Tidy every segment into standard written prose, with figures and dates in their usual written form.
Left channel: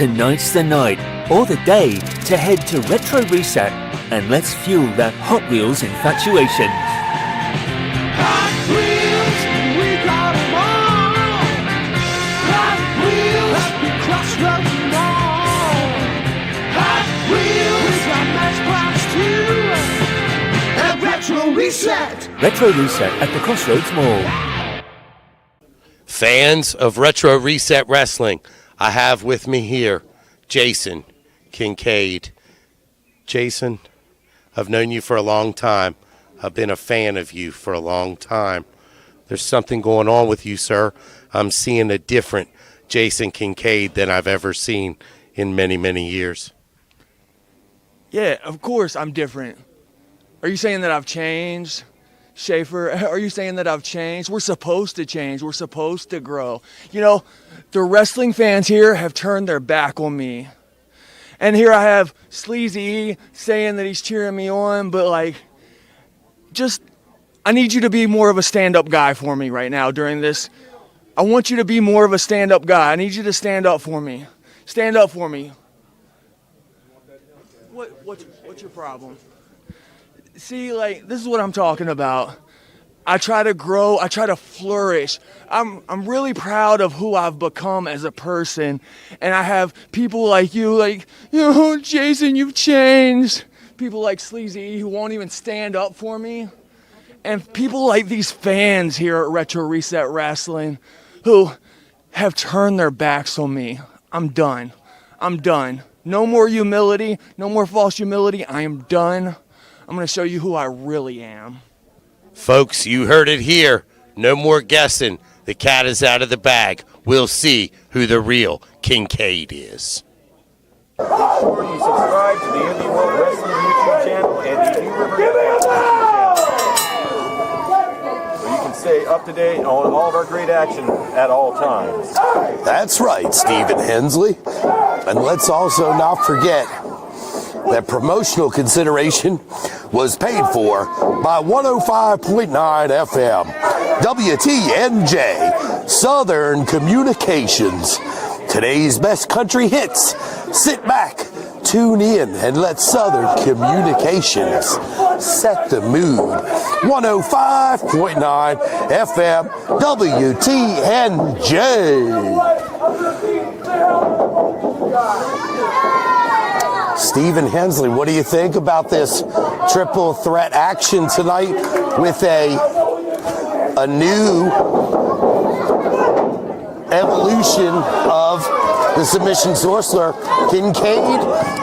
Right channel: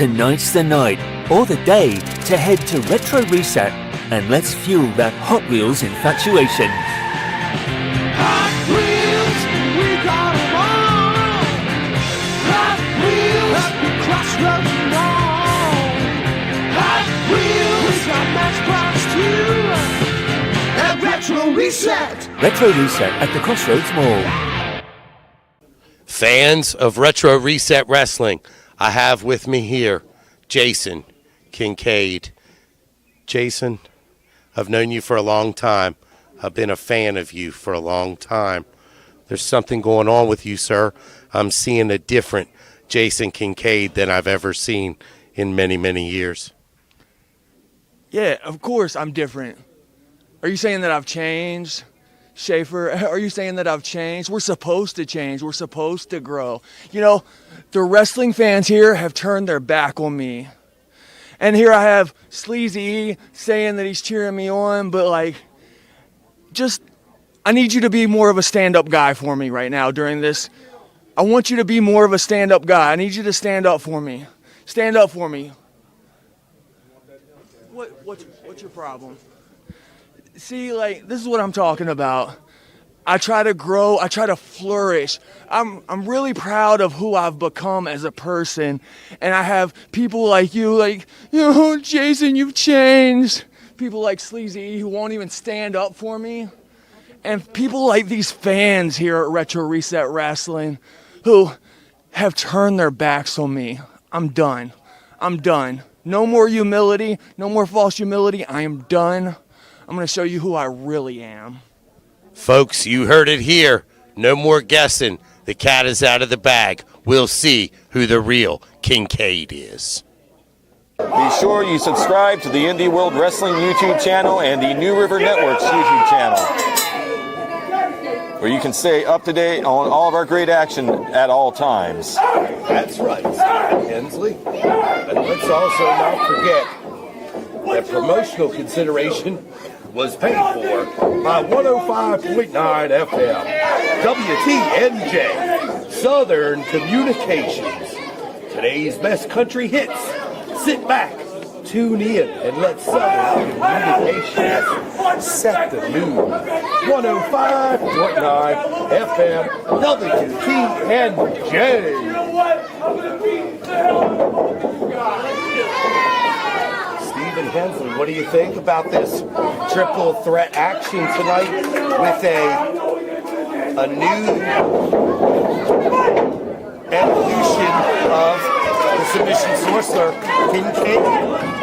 Tonight's the night, or the day, to head to Retro Reset and let's fuel that Hot Wheels infatuation. Hot Wheels, we got 'em all. Hot Wheels, at the crossroads mall. Hot Wheels, we got Matchbox too. At Retro Reset. Retro Reset at the Crossroads Mall. Be sure you subscribe to the Indie World Wrestling YouTube channel and the New River Network's YouTube channel, where you can stay up to date on all of our great action at all times. That's right, Stephen Hensley. And let's also not forget that promotional consideration was paid for by 105.9 FM, WTNJ, Southern Communications. Today's best country hits. Sit back, tune in, and let Southern Communications set the mood. 105.9 FM, WTNJ. Stephen Hensley, what do you think about this triple threat action tonight with a new evolution of the submission sorcerer, Kincaid,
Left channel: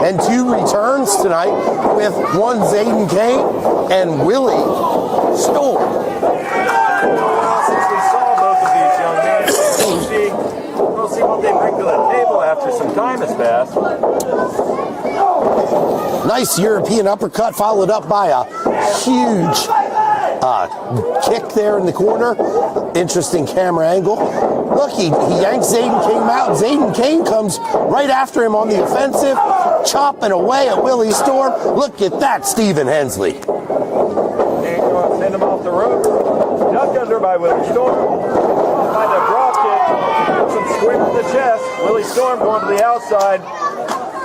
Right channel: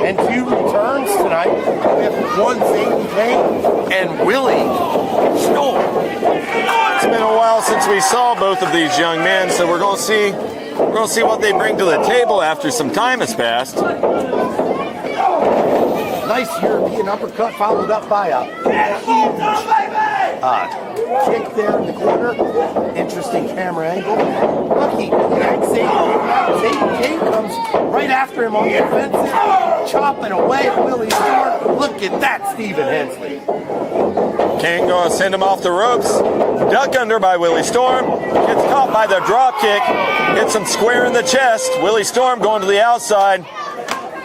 and two returns tonight with one Zayden Kane and Willie Storm. It's been a while since we saw both of these young men, so we're going to see what they bring to the table after some time has passed. Nice European uppercut followed up by a huge kick there in the corner. Interesting camera angle. Look, he yanks Zayden Kane out. Zayden Kane comes right after him on the offensive, chopping away at Willie Storm. Look at that, Stephen Hensley. Kane going to send him off the ropes. Duck under by Willie Storm. Gets caught by the drop kick. Gets him square in the chest. Willie Storm going to the outside.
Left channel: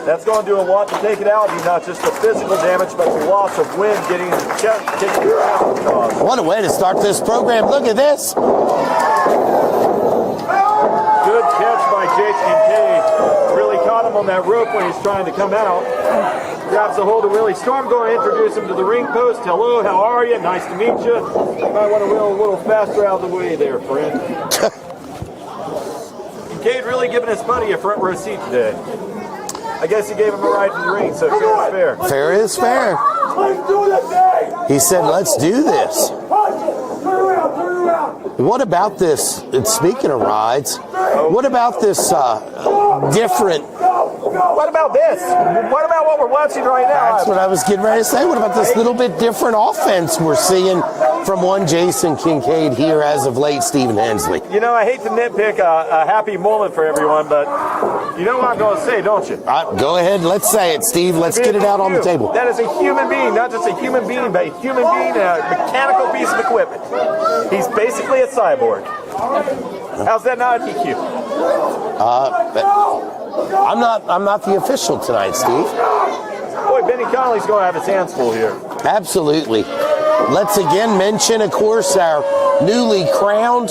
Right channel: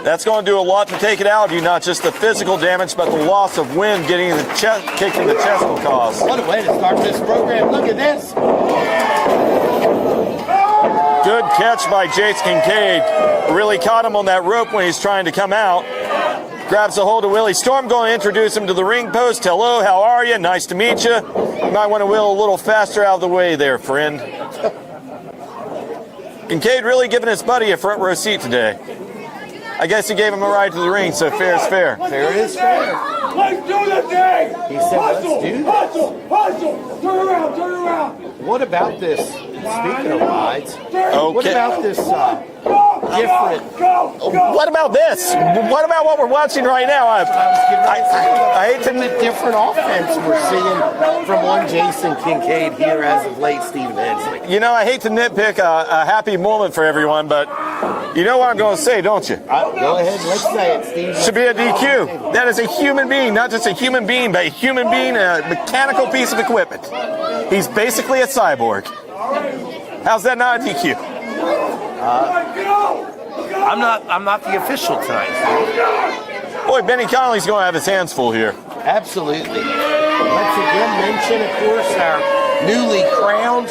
That's going to do a lot to take it out of you, not just the physical damage, but the loss of wind getting the kick in the chest will cause. What a way to start this program. Look at this. Good catch by Jace Kincaid. Really caught him on that rope when he's trying to come out. Grabs a hold of Willie Storm, going to introduce him to the ring post. Hello, how are you? Nice to meet you. You might want to wheel a little faster out of the way there, friend. Kincaid really giving his buddy a front row seat today. I guess he gave him a ride to the ring, so fair is fair. Fair is fair. Let's do this thing! He said, let's do this. Turn around! What about this? And speaking of rides, what about this different? What about this? What about what we're watching right now? That's what I was getting ready to say. What about this little bit different offense we're seeing from one Jason Kincaid here as of late, Stephen Hensley? You know, I hate to nitpick a happy moment for everyone, but you know what I'm going to say, don't you? Go ahead, let's say it, Steve. Let's Should be get a it out on the DQ. table. That is a human being, not just a human being, but a human being, a mechanical piece of equipment. He's basically a cyborg. How's that not a DQ? I'm not the official tonight, Steve. Boy, Benny Conley's going to have his hands full here. Absolutely. Let's again mention, of course, our newly crowned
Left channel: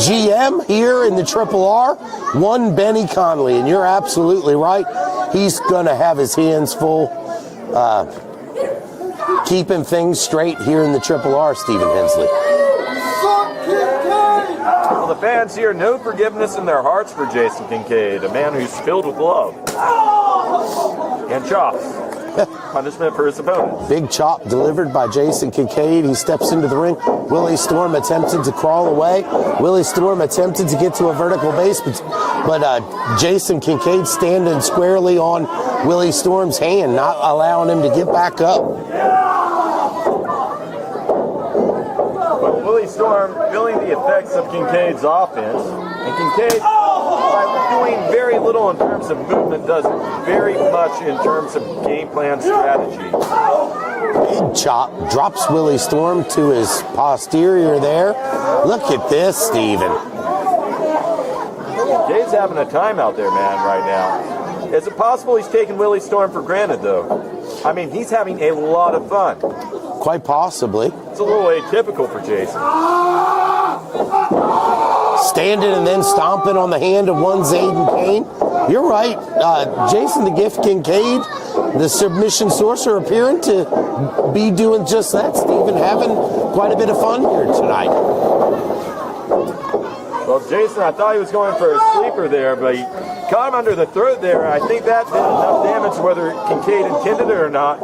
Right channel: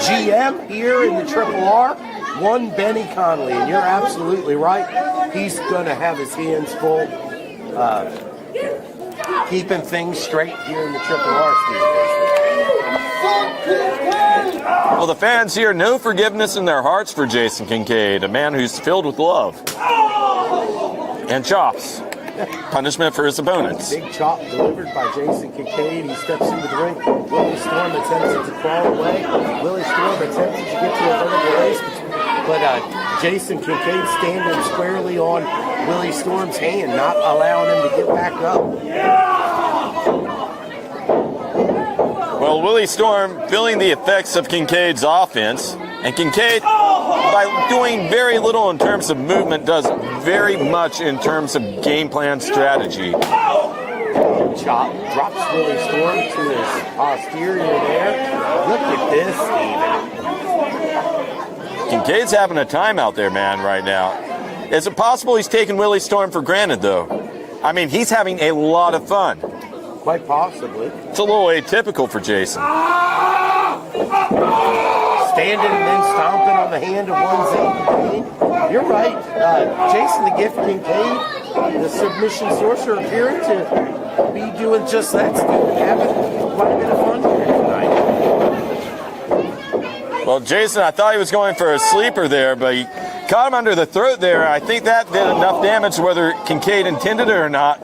GM here in the Triple R, one Benny Conley. And you're absolutely right. He's going to have his hands full keeping things straight here in the Triple R, Stephen Hensley. Well, the fans here, no forgiveness in their hearts for Jason Kincaid, a man who's filled with love and chops. Punishment for his opponents. Big chop delivered by Jason Kincaid. He steps into the ring. Willie Storm attempted to crawl away. Willie Storm attempted to get to a vertical base, but Jason Kincaid standing squarely on Willie Storm's hand, not allowing him to get back up. Well, Willie Storm feeling the effects of Kincaid's offense, and Kincaid, by doing very little in terms of movement, does very much in terms of game plan strategy. Big chop drops Willie Storm to his posterior there. Look at this, Steven. Kincaid's having a time out there, man, right now. Is it possible he's taking Willie Storm for granted, though? I mean, he's having a lot of fun. Quite possibly. It's a little atypical for Jason. Standing and then stomping on the hand of one Zayden Payne. You're right. Jason the Gift Kincaid, the submission sorcerer, appearing to be doing just that, Stephen, having quite a bit of fun here tonight. Well, Jason, I thought he was going for a sleeper there, but he caught him under the throat there. I think that did enough damage, whether Kincaid intended it or not.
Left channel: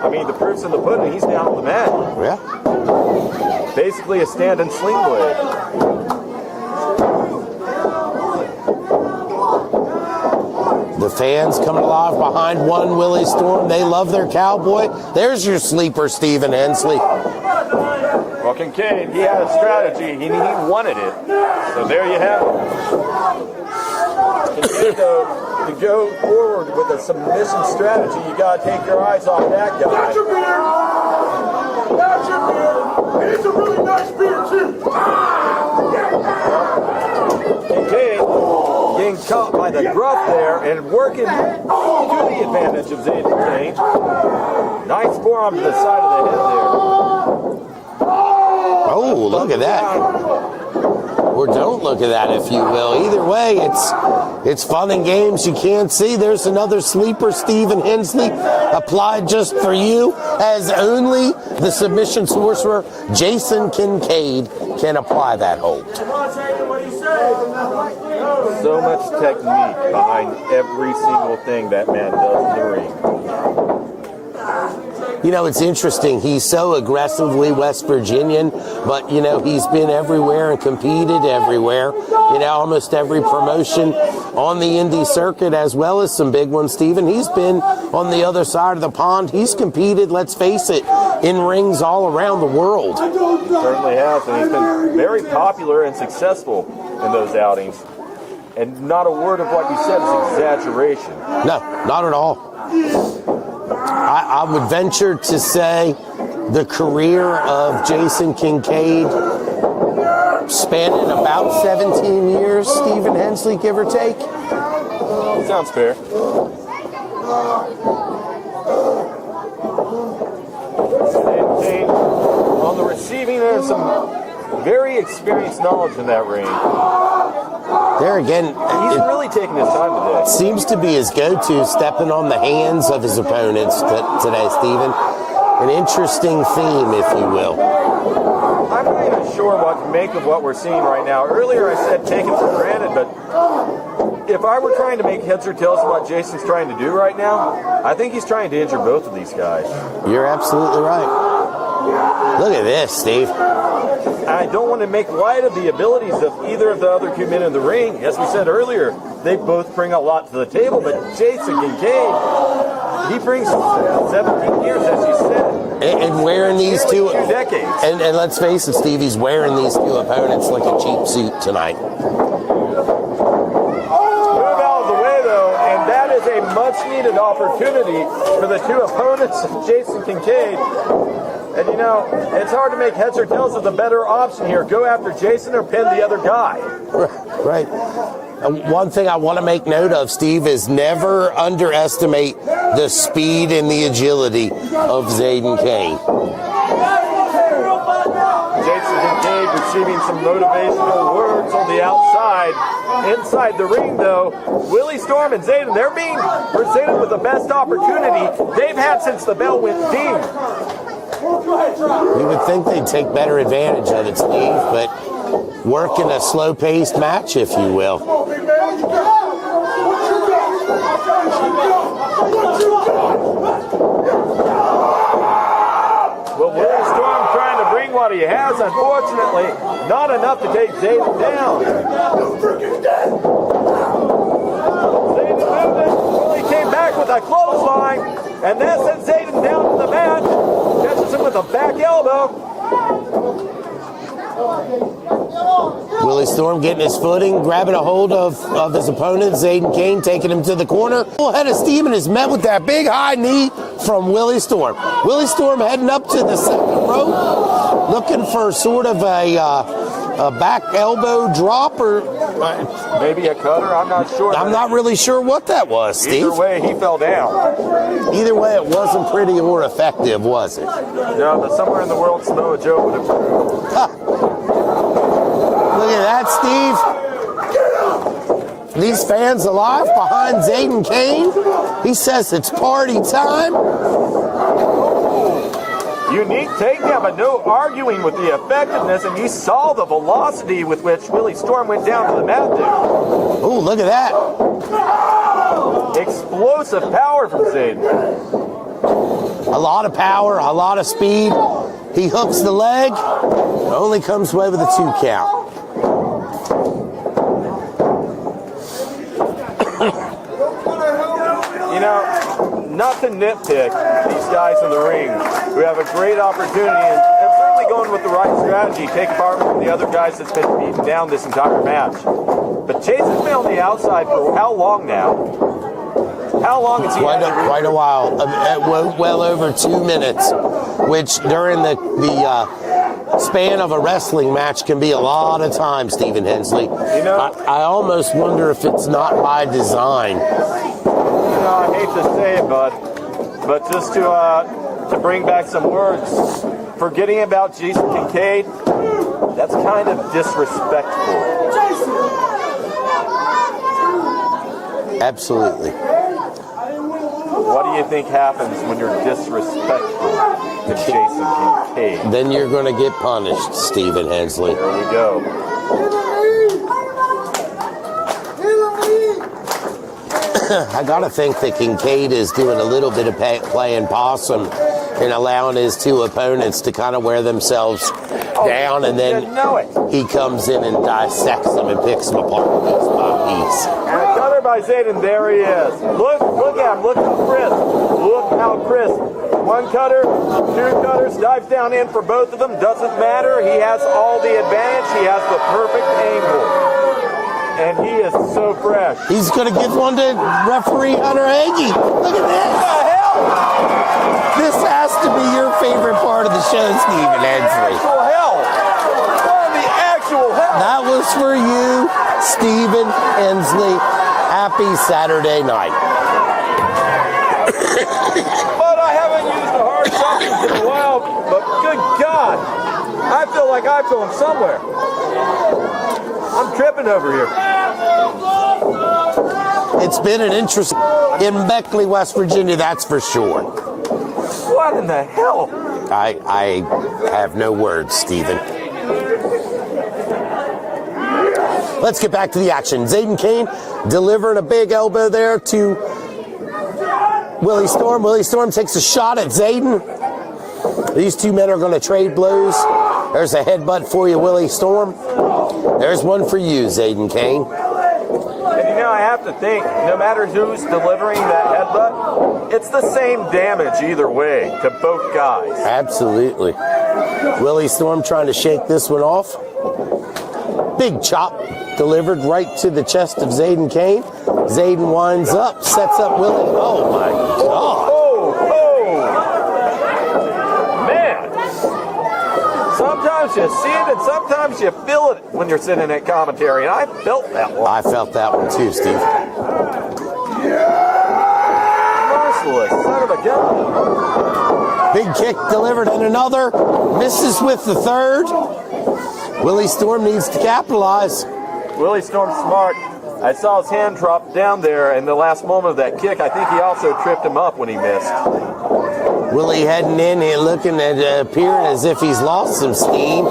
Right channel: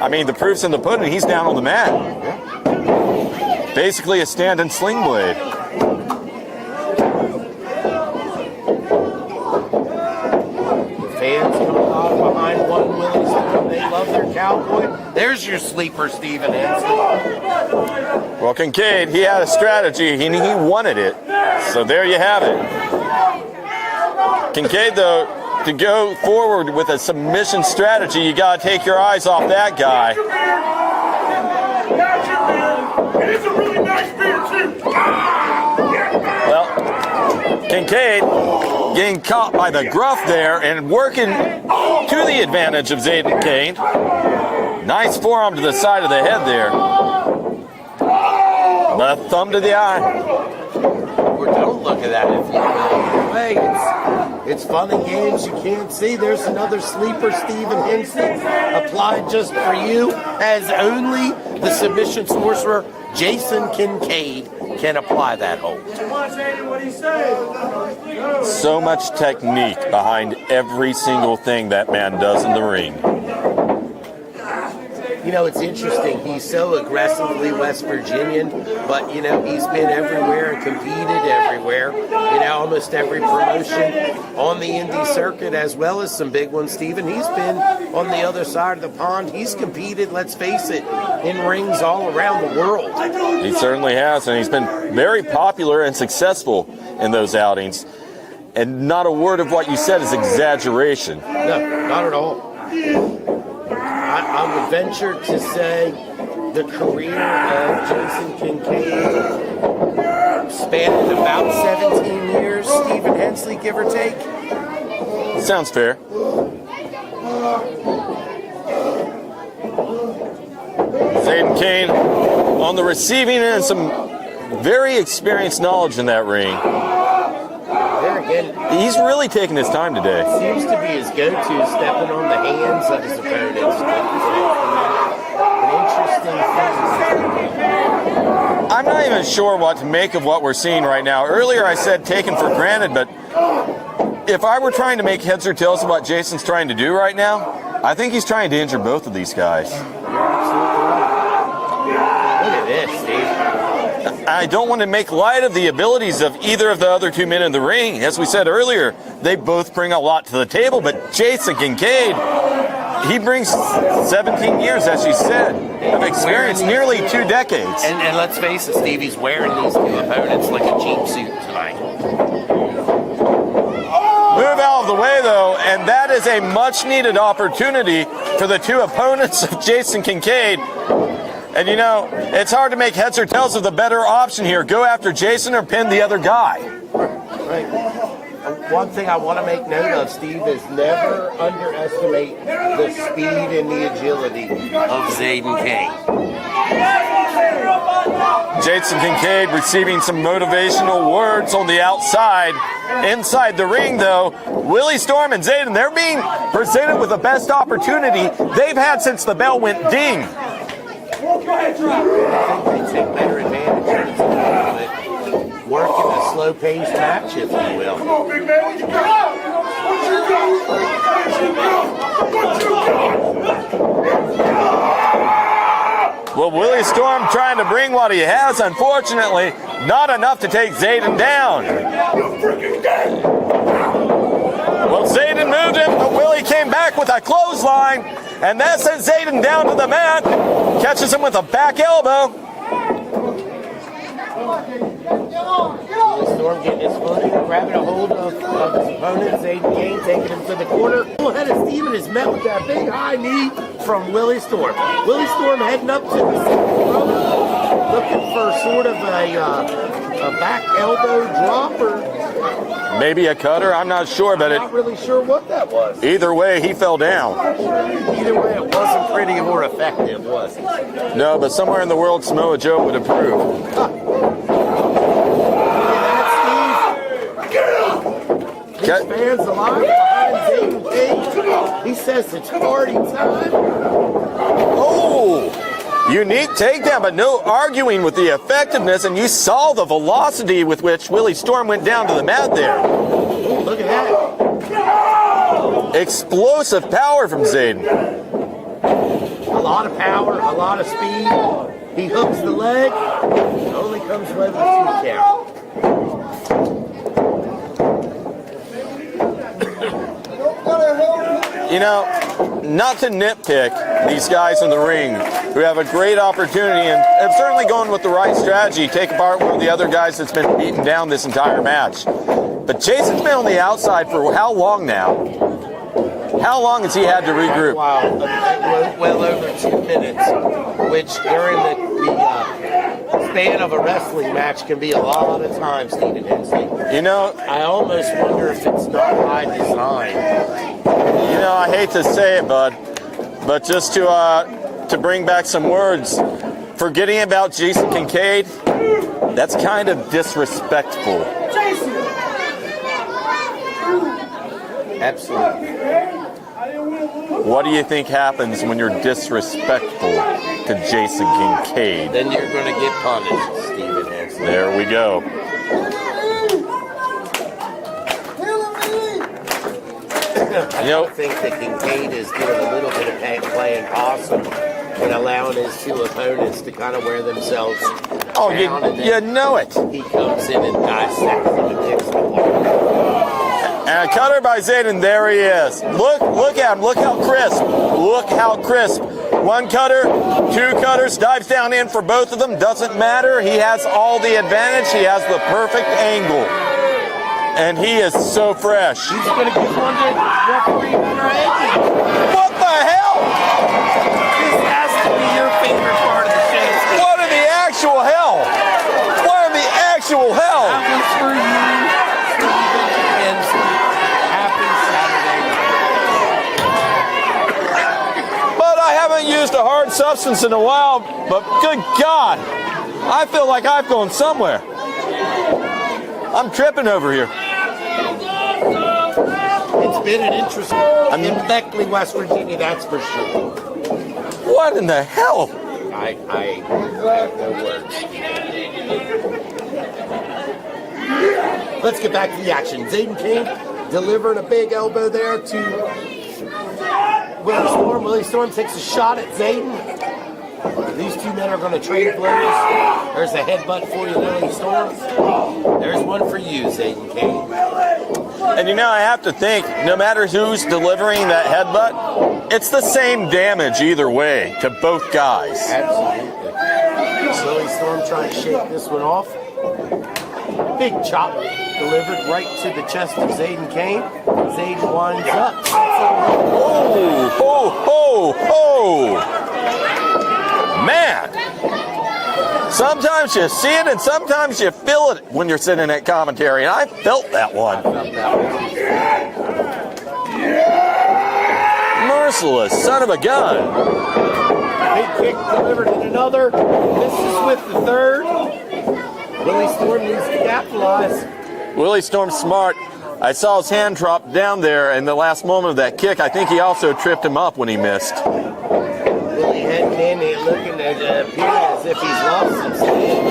I mean, the proof's in the pudding. He's down on the mat. Yeah. Basically a stand-in sling blade. The fans come alive behind one Willie Storm. They love their cowboy. There's your sleeper, Stephen Hensley. Well, Kincaid, he had a strategy. He wanted it. So there you have it. Kincaid, though, to go forward with a submission strategy, you got to take your eyes off that guy. That's your beer. And it's a really nice beer, too. Well, Kincaid getting caught by the gruff there and working to the advantage of Zayden Kane. Nice forearm to the side of the head there. Oh, Thumb to the eye. Or don't look at that, if you will. Either way, it's fun and games. You can't see. There's another sleeper, Stephen Hensley, applied just for you, as only the submission sorcerer, Jason Kincaid, can apply that hold. So much technique behind every single thing that man does in the ring. You know, it's interesting. He's so aggressively West Virginian, but, you know, he's been everywhere and competed everywhere. You know, almost every promotion on the indie circuit, as well as some big ones, Stephen. He's been on the other side of the pond. He's competed, let's face it, in rings all around the world. He certainly has, and he's been very popular and successful in those outings. And not a word of what you said is exaggeration. No, not at all. I would venture to say the career of Jason Kincaid spanning about 17 years, Stephen Hensley, give or take. Sounds fair. Zayden Kane on the receiving end, some very experienced knowledge in that ring. There again, He's really taking his time today. seems to be his go-to, stepping on the hands of his opponents today, Stephen. An interesting theme, if you will. I'm not even sure what to make of what we're seeing right now. Earlier I said taken for granted, but if I were trying to make heads or tails of what Jason's trying to do right now, I think he's trying to injure both of these guys. You're absolutely right. Look at this, Steve. I don't want to make light of the abilities of either of the other two men in the ring. As we said earlier, they both bring a lot to the table, but Jason Kincaid, he brings 17 years, as you said, of experience, nearly 2 decades. And let's face it, Steve, he's wearing these two opponents like a cheap suit tonight. Move out of the way, though, and that is a much-needed opportunity for the two opponents of Jason Kincaid And you know, it's hard to make heads or tails of the better option here. Go after Jason or pin the other guy. Right. One thing I want to make note of, Steve, is never underestimate the speed and the agility of Zayden Kane. Jason Kincaid receiving some motivational words on the outside. Inside the ring, though, Willie Storm and Zayden, they're being presented with the best opportunity they've had since the bell went ding. You would think they'd take better advantage of it, Steve, but work in a slow-paced match, if you will. Come on, big man, what you got? What you got? What you got? Well, Willie Storm trying to bring what he has, unfortunately, not enough to take Zayden down. Well, Zayden moved him, but Willie came back with a clothesline, and that sent Zayden down to the mat, catches him with a back elbow. Willie Storm getting his footing, grabbing a hold of his opponent, Zayden Kane, taking him to the corner. Head of Steven is met with that big high knee from Willie Storm. Willie Storm heading up to the second rope, looking for sort of a back elbow drop or maybe a cutter, I'm not sure. I'm not really sure what that was, Steve. Either way, he fell down. Either way, it wasn't pretty or effective, was it? No, but somewhere in the world, Samoa Joe would approve. Huh. Look at that, Steve. These fans alive behind Zayden Kane. He says it's party time. Oh, unique takedown, but no arguing with the effectiveness, and you saw the velocity with which Willie Storm went down to the mat there. Oh, look at that. Explosive power from Zayden. A lot of power, a lot of speed. He hooks the leg. Only comes away with a 2 count. You know, not to nitpick these guys in the ring who have a great opportunity and have certainly gone with the right strategy, take apart one of the other guys that's been beaten down this entire match. But Jason's been on the outside for how long now? How long has he had to regroup? Quite a while. Well over 2 minutes, which during the span of a wrestling match can be a lot of time, Stephen Hensley. You know, I almost wonder if it's not by design. You know, I hate to say it, bud, but just to bring back some words, forgetting about Jason Kincaid, that's kind of disrespectful. Absolutely. What do you think happens when you're disrespectful to Jason Kincaid? Then you're going to get punished, Stephen Hensley. There we go. I gotta think that Kincaid is doing a little bit of playing possum and allowing his two opponents to kind of wear themselves down, and then you know it. He comes in and dissects them and picks them apart with his bodies. And a cutter by Zayden, there he is. Look at him, look how crisp. Look how crisp. One cutter, two cutters, dives down in for both of them. Doesn't matter, he has all the advantage. He has the perfect angle. And he is so fresh. He's going to give one to referee Hunter Agee. What the hell? This has to be your favorite part of the show, Stephen Hensley. Actual hell. What the actual hell? That was for you, Stephen Hensley. Happy Saturday night. But I haven't used a hard substance in a while, but good God, I feel like I've gone somewhere. I'm tripping over here. It's been an interesting in Beckley, West Virginia, that's for sure. What in the hell? I have no words, Stephen. Let's get back to the action. Zayden Kane delivering a big elbow there to Willie Storm. Willie Storm takes a shot at Zayden. These two men are going to trade blows. There's a headbutt for you, Willie Storm. There's one for you, Zayden Kane. And you know, I have to think, no matter who's delivering that headbutt, it's the same damage either way to both guys. Absolutely. Willie Storm trying to shake this one off. Big chop delivered right to the chest of Zayden Kane. Zayden winds up, sets up Willie. Oh, man. sometimes you see it and sometimes you feel it when you're sitting at commentary. I felt that one. I felt that one too, Steve. Merciless son of a gun. Big kick delivered in another. Misses with the third. Willie Storm needs to capitalize. Willie Storm's smart. I saw his hand drop down there in the last moment of that kick. I think he also tripped him up when he missed. Willie heading in and looking at appearing as if he's lost some steam.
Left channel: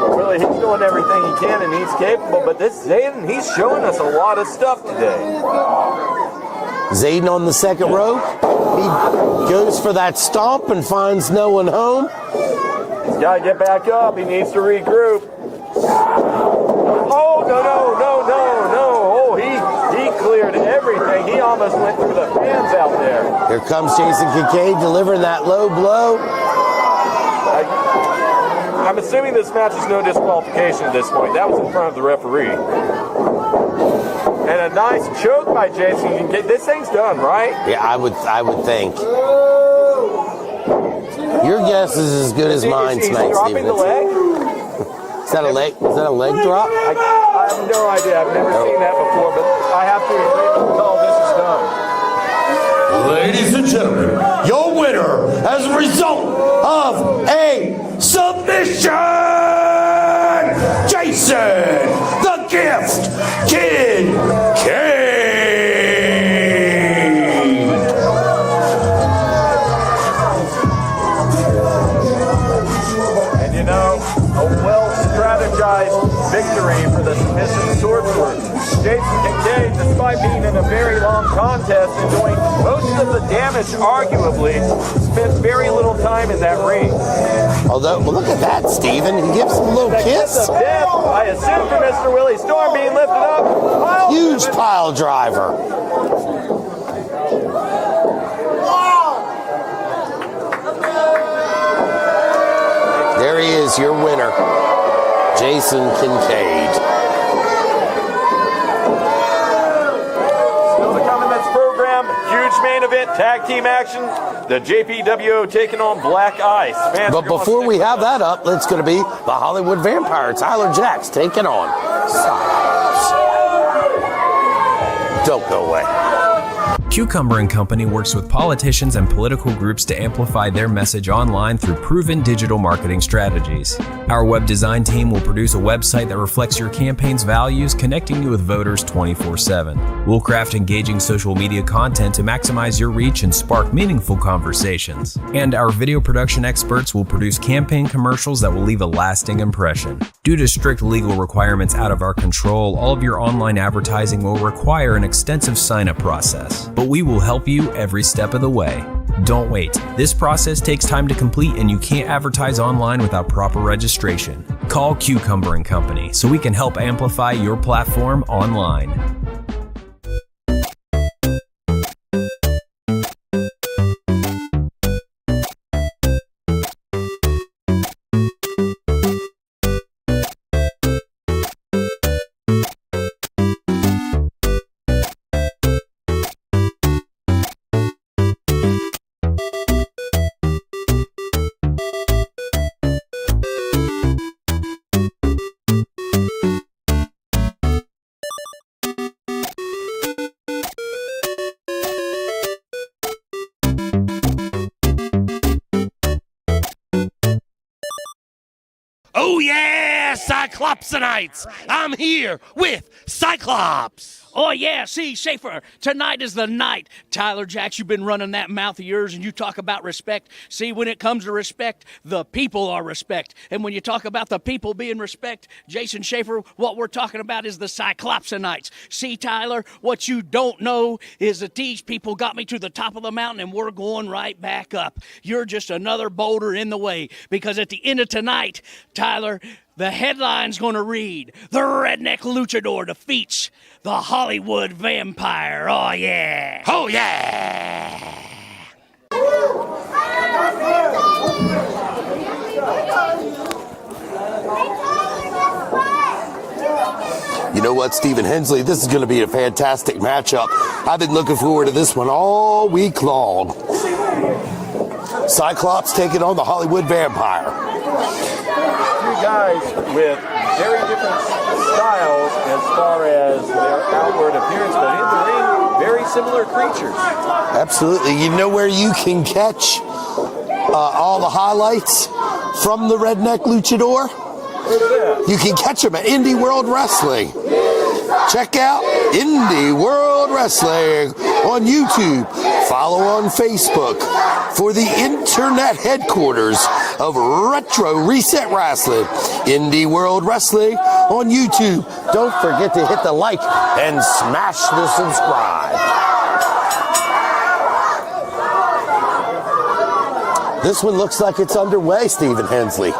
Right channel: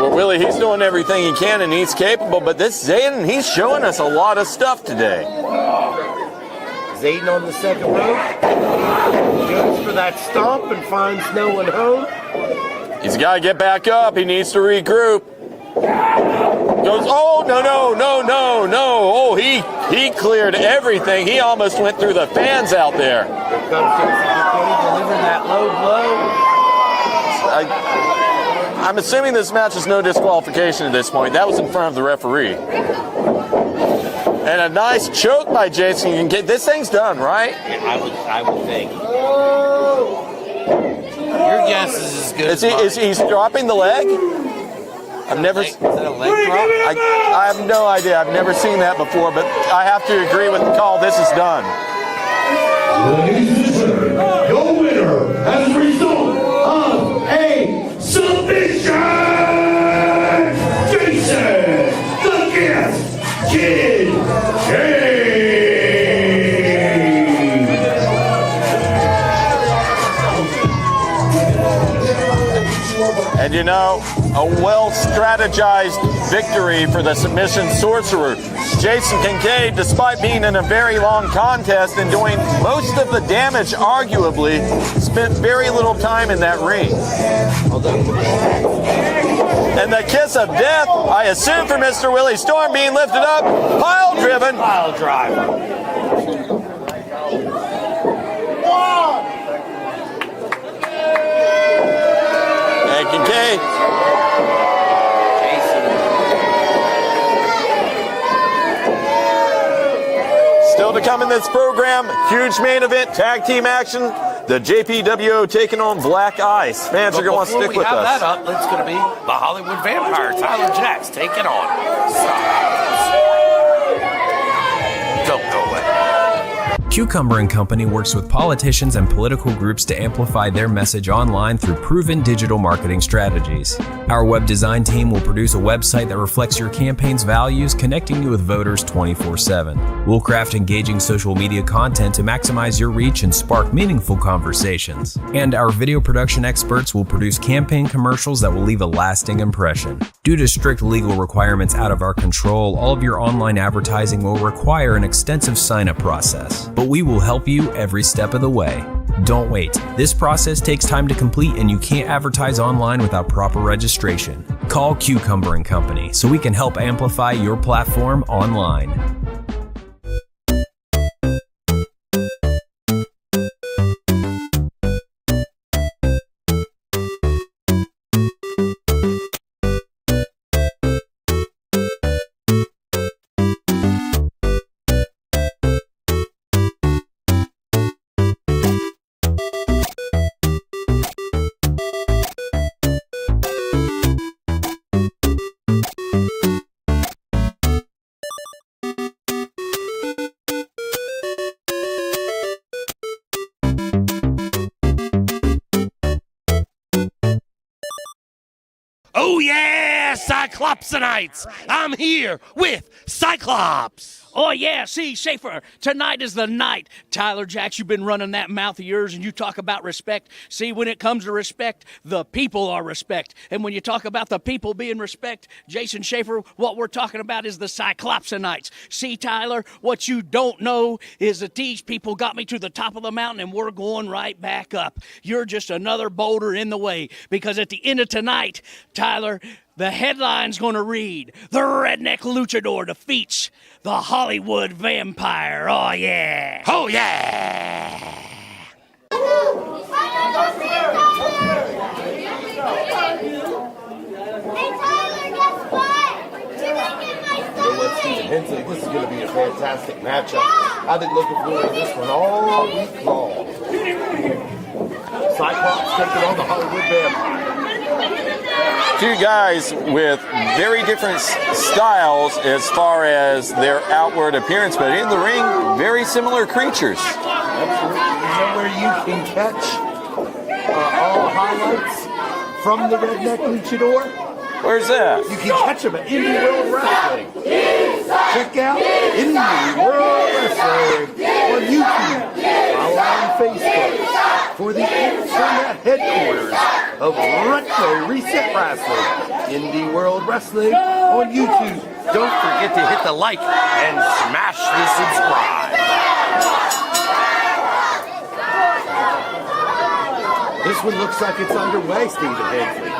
Well, Willie, he's doing everything he can and he's capable, but this Zayden, he's showing us a lot of stuff today. Zayden on the second row. He goes for that stomp and finds no one home. He's got to get back up. He needs to regroup. Goes, oh, no. Oh, he cleared everything. He almost went through the fans out there. Here comes Jason Kincaid delivering that low blow. I'm assuming this match is no disqualification at this point. That was in front of the referee. And a nice choke by Jason Kincaid. This thing's done, right? Yeah, I would think. Your guess is as good as mine. He's dropping the leg? Is that a leg drop? I have no idea. I've never seen that before, but I have to agree with the call. This is done. Ladies and gentlemen, your winner as a result of a submission, Jason the Gift Kincaid. And you know, a well-strategized victory for the submission sorcerer. Jason Kincaid, despite being in a very long contest and doing most of the damage, arguably, spent very little time in that ring. Although, look at that, Steven. And the kiss of death, I assume for Mr. Willie Storm, being lifted up, pile Huge driven. pile driver. There he is, your winner, Jason Kincaid. Still to come in this program, huge main event, tag team action. The JPWO taking on Black Ice. Fans are But going to stick before we with have us. that up, it's going to be the Hollywood Vampire, Tyler Jacks, taking on Styles. Don't go away. Cucumber & Company works with politicians and political groups to amplify their message online through proven digital marketing strategies. Our web design team will produce a website that reflects your campaign's values, connecting you with voters 24/7. We'll craft engaging social media content to maximize your reach and spark meaningful conversations. And our video production experts will produce campaign commercials that will leave a lasting impression. Due to strict legal requirements out of our control, all of your online advertising will require an extensive sign-up process. But we will help you every step of the way. Don't wait. This process takes time to complete and you can't advertise online without proper registration. Call Cucumber & Company so we can help amplify your platform online. You know what, Stephen Hensley, this is going to be a fantastic matchup. I've been looking forward to this one all week long. Cyclops taking on the Hollywood Vampire. two guys with very different styles as far as their outward appearance, but in the ring, very similar creatures. Absolutely. You know where you can catch all the highlights from the Redneck Luchador? Where's that? You can catch them at Indie World Wrestling. Check out Indie World Wrestling on YouTube. Follow on Facebook for the internet headquarters of Retro Reset Wrestling. Indie World Wrestling on YouTube. Don't forget to hit the like and smash the subscribe. This one looks like it's underway, Stephen Hensley.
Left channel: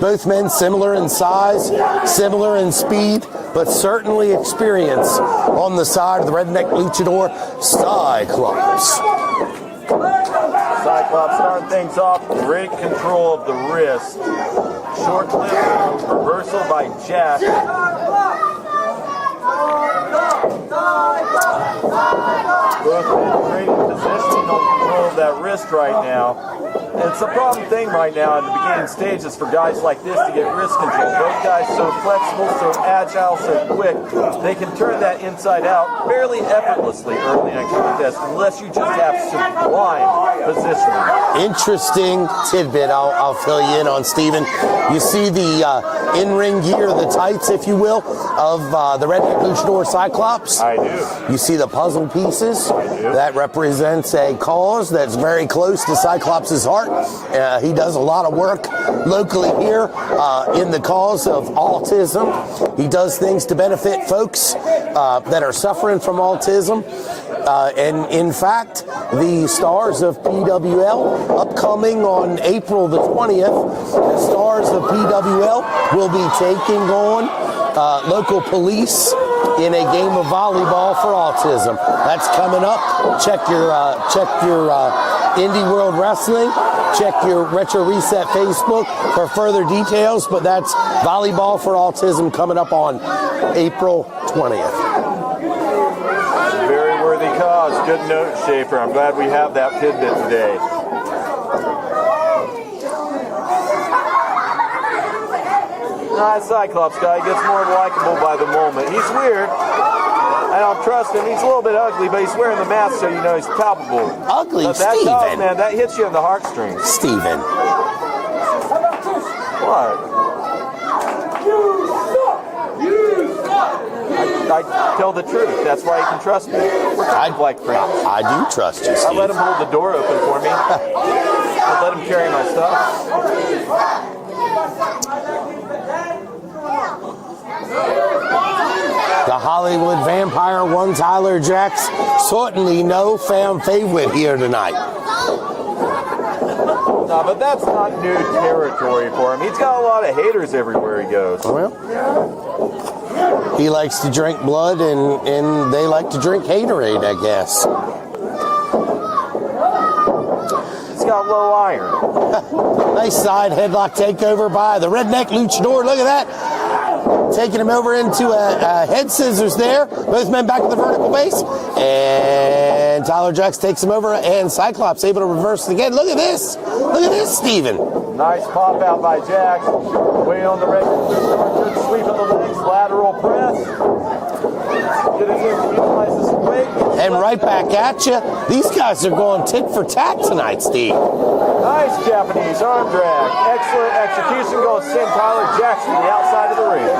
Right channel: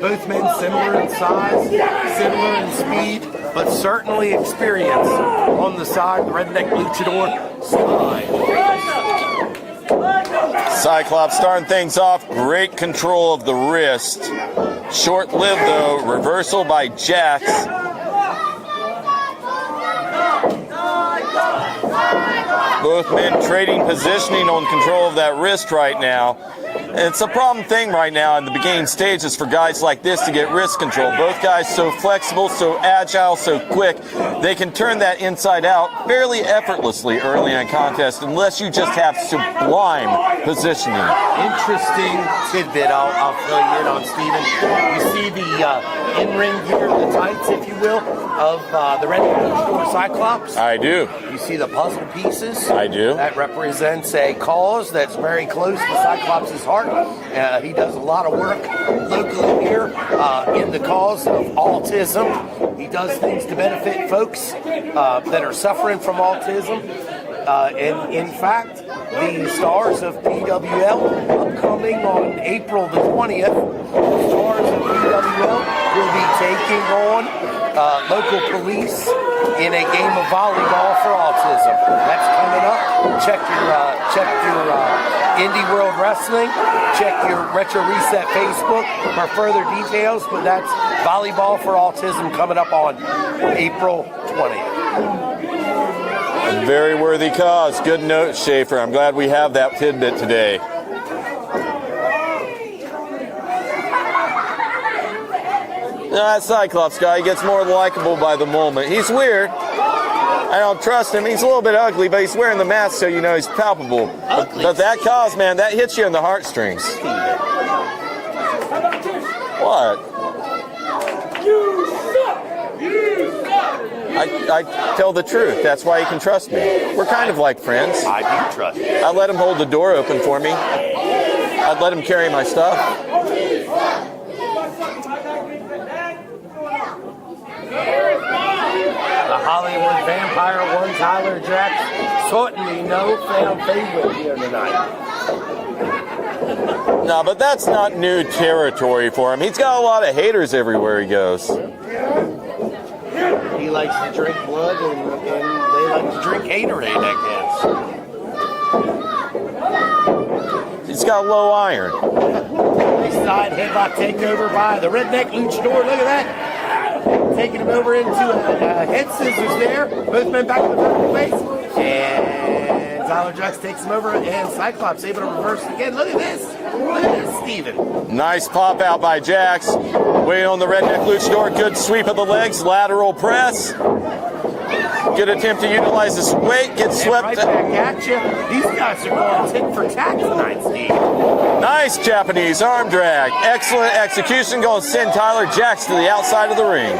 Both men similar in size, similar in speed, but certainly experience on the side of the Redneck Luchador, Cyclops. Cyclops starting things off. Great control of the wrist. Short-lived, though. Reversal by Jax. Both men trading positioning on control of that wrist right now. And it's a problem thing right now in the beginning stages for guys like this to get wrist control. Both guys so flexible, so agile, so quick, they can turn that inside out fairly effortlessly early in a contest unless you just have sublime positioning. Interesting tidbit I'll fill you in on, Stephen. You see the in-ring gear, the tights, if you will, of the Redneck Luchador Cyclops? I do. You see the puzzle pieces? I do. That represents a cause that's very close to Cyclops' heart. He does a lot of work locally here in the cause of autism. He does things to benefit folks that are suffering from autism. And in fact, the stars of PWL, upcoming on April the 20th, the stars of PWL will be taking on local police in a game of volleyball for autism. That's coming up. Check your Indie World Wrestling. Check your Retro Reset Facebook for further details. But that's volleyball for autism coming up on April 20th. Very worthy cause. Good note, Schaefer. I'm glad we have that tidbit today. That Cyclops guy gets more likable by the moment. He's weird. I don't trust him. He's a little bit ugly, but he's wearing the mask, so you know he's palpable. Ugly, but that Steven. cause, man, that hits you in the heartstrings. Steven. What? I tell the truth. That's why you can trust me. We're kind of like friends. I do trust you, I Steve. let him hold the door open for me. I'll let him carry my stuff. The Hollywood Vampire, one Tyler Jax, certainly no fan favorite here tonight. No, but that's not new territory for him. He's got a lot of haters everywhere he goes. Well, he likes to drink blood, and they like to drink haterade, I guess. He's got low iron. Nice side headlock takeover by the Redneck Luchador. Look at that. Taking him over into a head scissors there. Both men back to the vertical base. And Tyler Jax takes him over, and Cyclops able to reverse it again. Look at this. Look at this, Steven. Nice pop out by Jax. Way on the Redneck Luchador. Good sweep of the legs. Lateral press. Good attempt to utilize his weight. Gets And swept. right back at you. These guys are going tit for tat tonight, Steve. Nice Japanese arm drag. Excellent execution. Going to send Tyler Jax to the outside of the ring.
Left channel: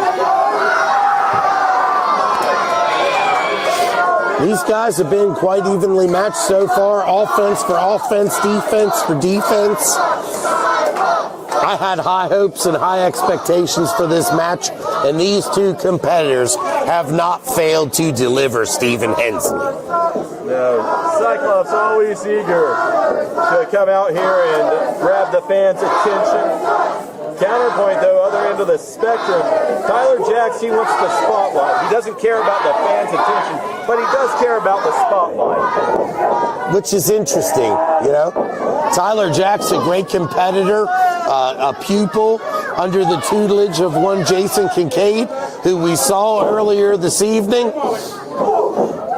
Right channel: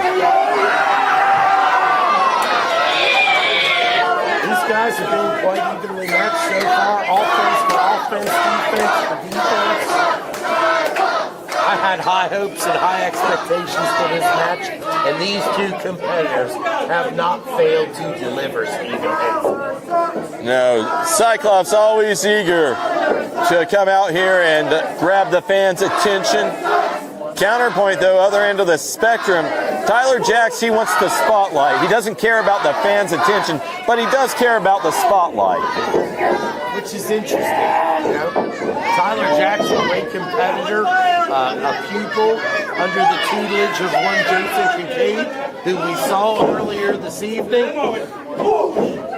These guys have been quite evenly matched so far. Offense for offense, defense for defense. I had high hopes and high expectations for this match, and these two competitors have not failed to deliver, Stephen Hensley. No, Cyclops always eager to come out here and grab the fans' attention. Counterpoint, though, other end of the spectrum, Tyler Jax, he wants the spotlight. He doesn't care about the fans' attention, but he does care about the spotlight. Which is interesting, you know. Tyler Jax, a great competitor, a pupil under the tutelage of one Jason Kincaid, who we saw earlier this evening.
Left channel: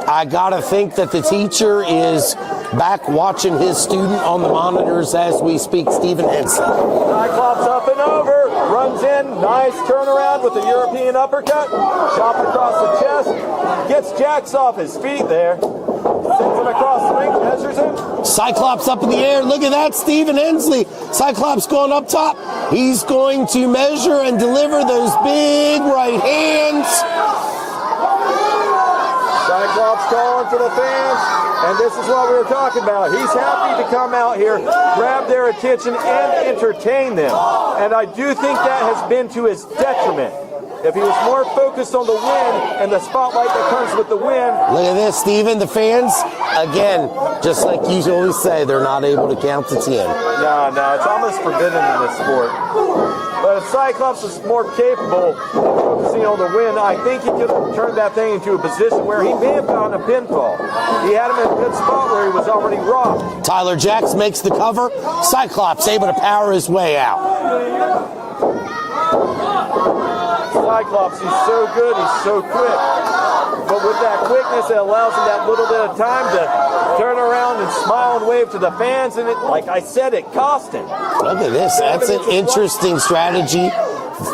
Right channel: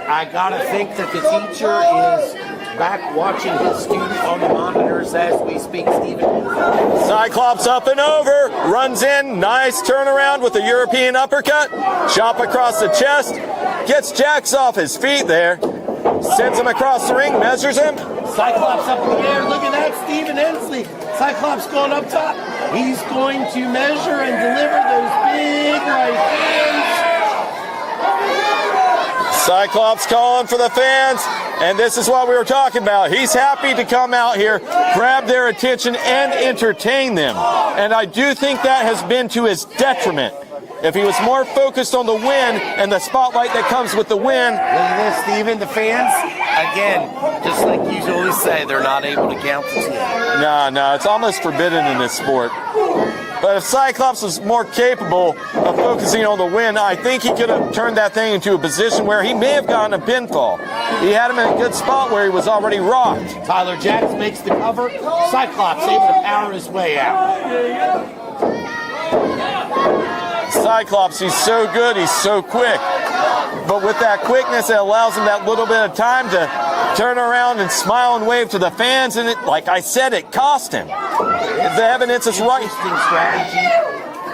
I gotta think that the teacher is back watching his student on the monitors as we speak, Stephen Henson. Cyclops up and over, runs in, nice turnaround with a European uppercut, chop across the chest, gets Jax off his feet there, sends him across the ring, measures him. Cyclops up in the air. Look at that, Stephen Hensley. Cyclops going up top. He's going to measure and deliver those big right hands. Cyclops calling for the fans, and this is what we were talking about. He's happy to come out here, grab their attention, and entertain them. And I do think that has been to his detriment. If he was more focused on the win and the spotlight that comes with the win. Look at this, Stephen. The fans, again, just like you always say, they're not able to count to 10. No, it's almost forbidden in this sport. But if Cyclops was more capable of focusing on the win, I think he could have turned that thing into a position where he may have gotten a pinfall. He had him in a good spot where he was already rocked. Tyler Jax makes the cover. Cyclops able to power his way out. Cyclops, he's so good, he's so quick. But with that quickness, it allows him that little bit of time to turn around and smile and wave to the fans. And like I said, it cost him. Look at this. That's an interesting strategy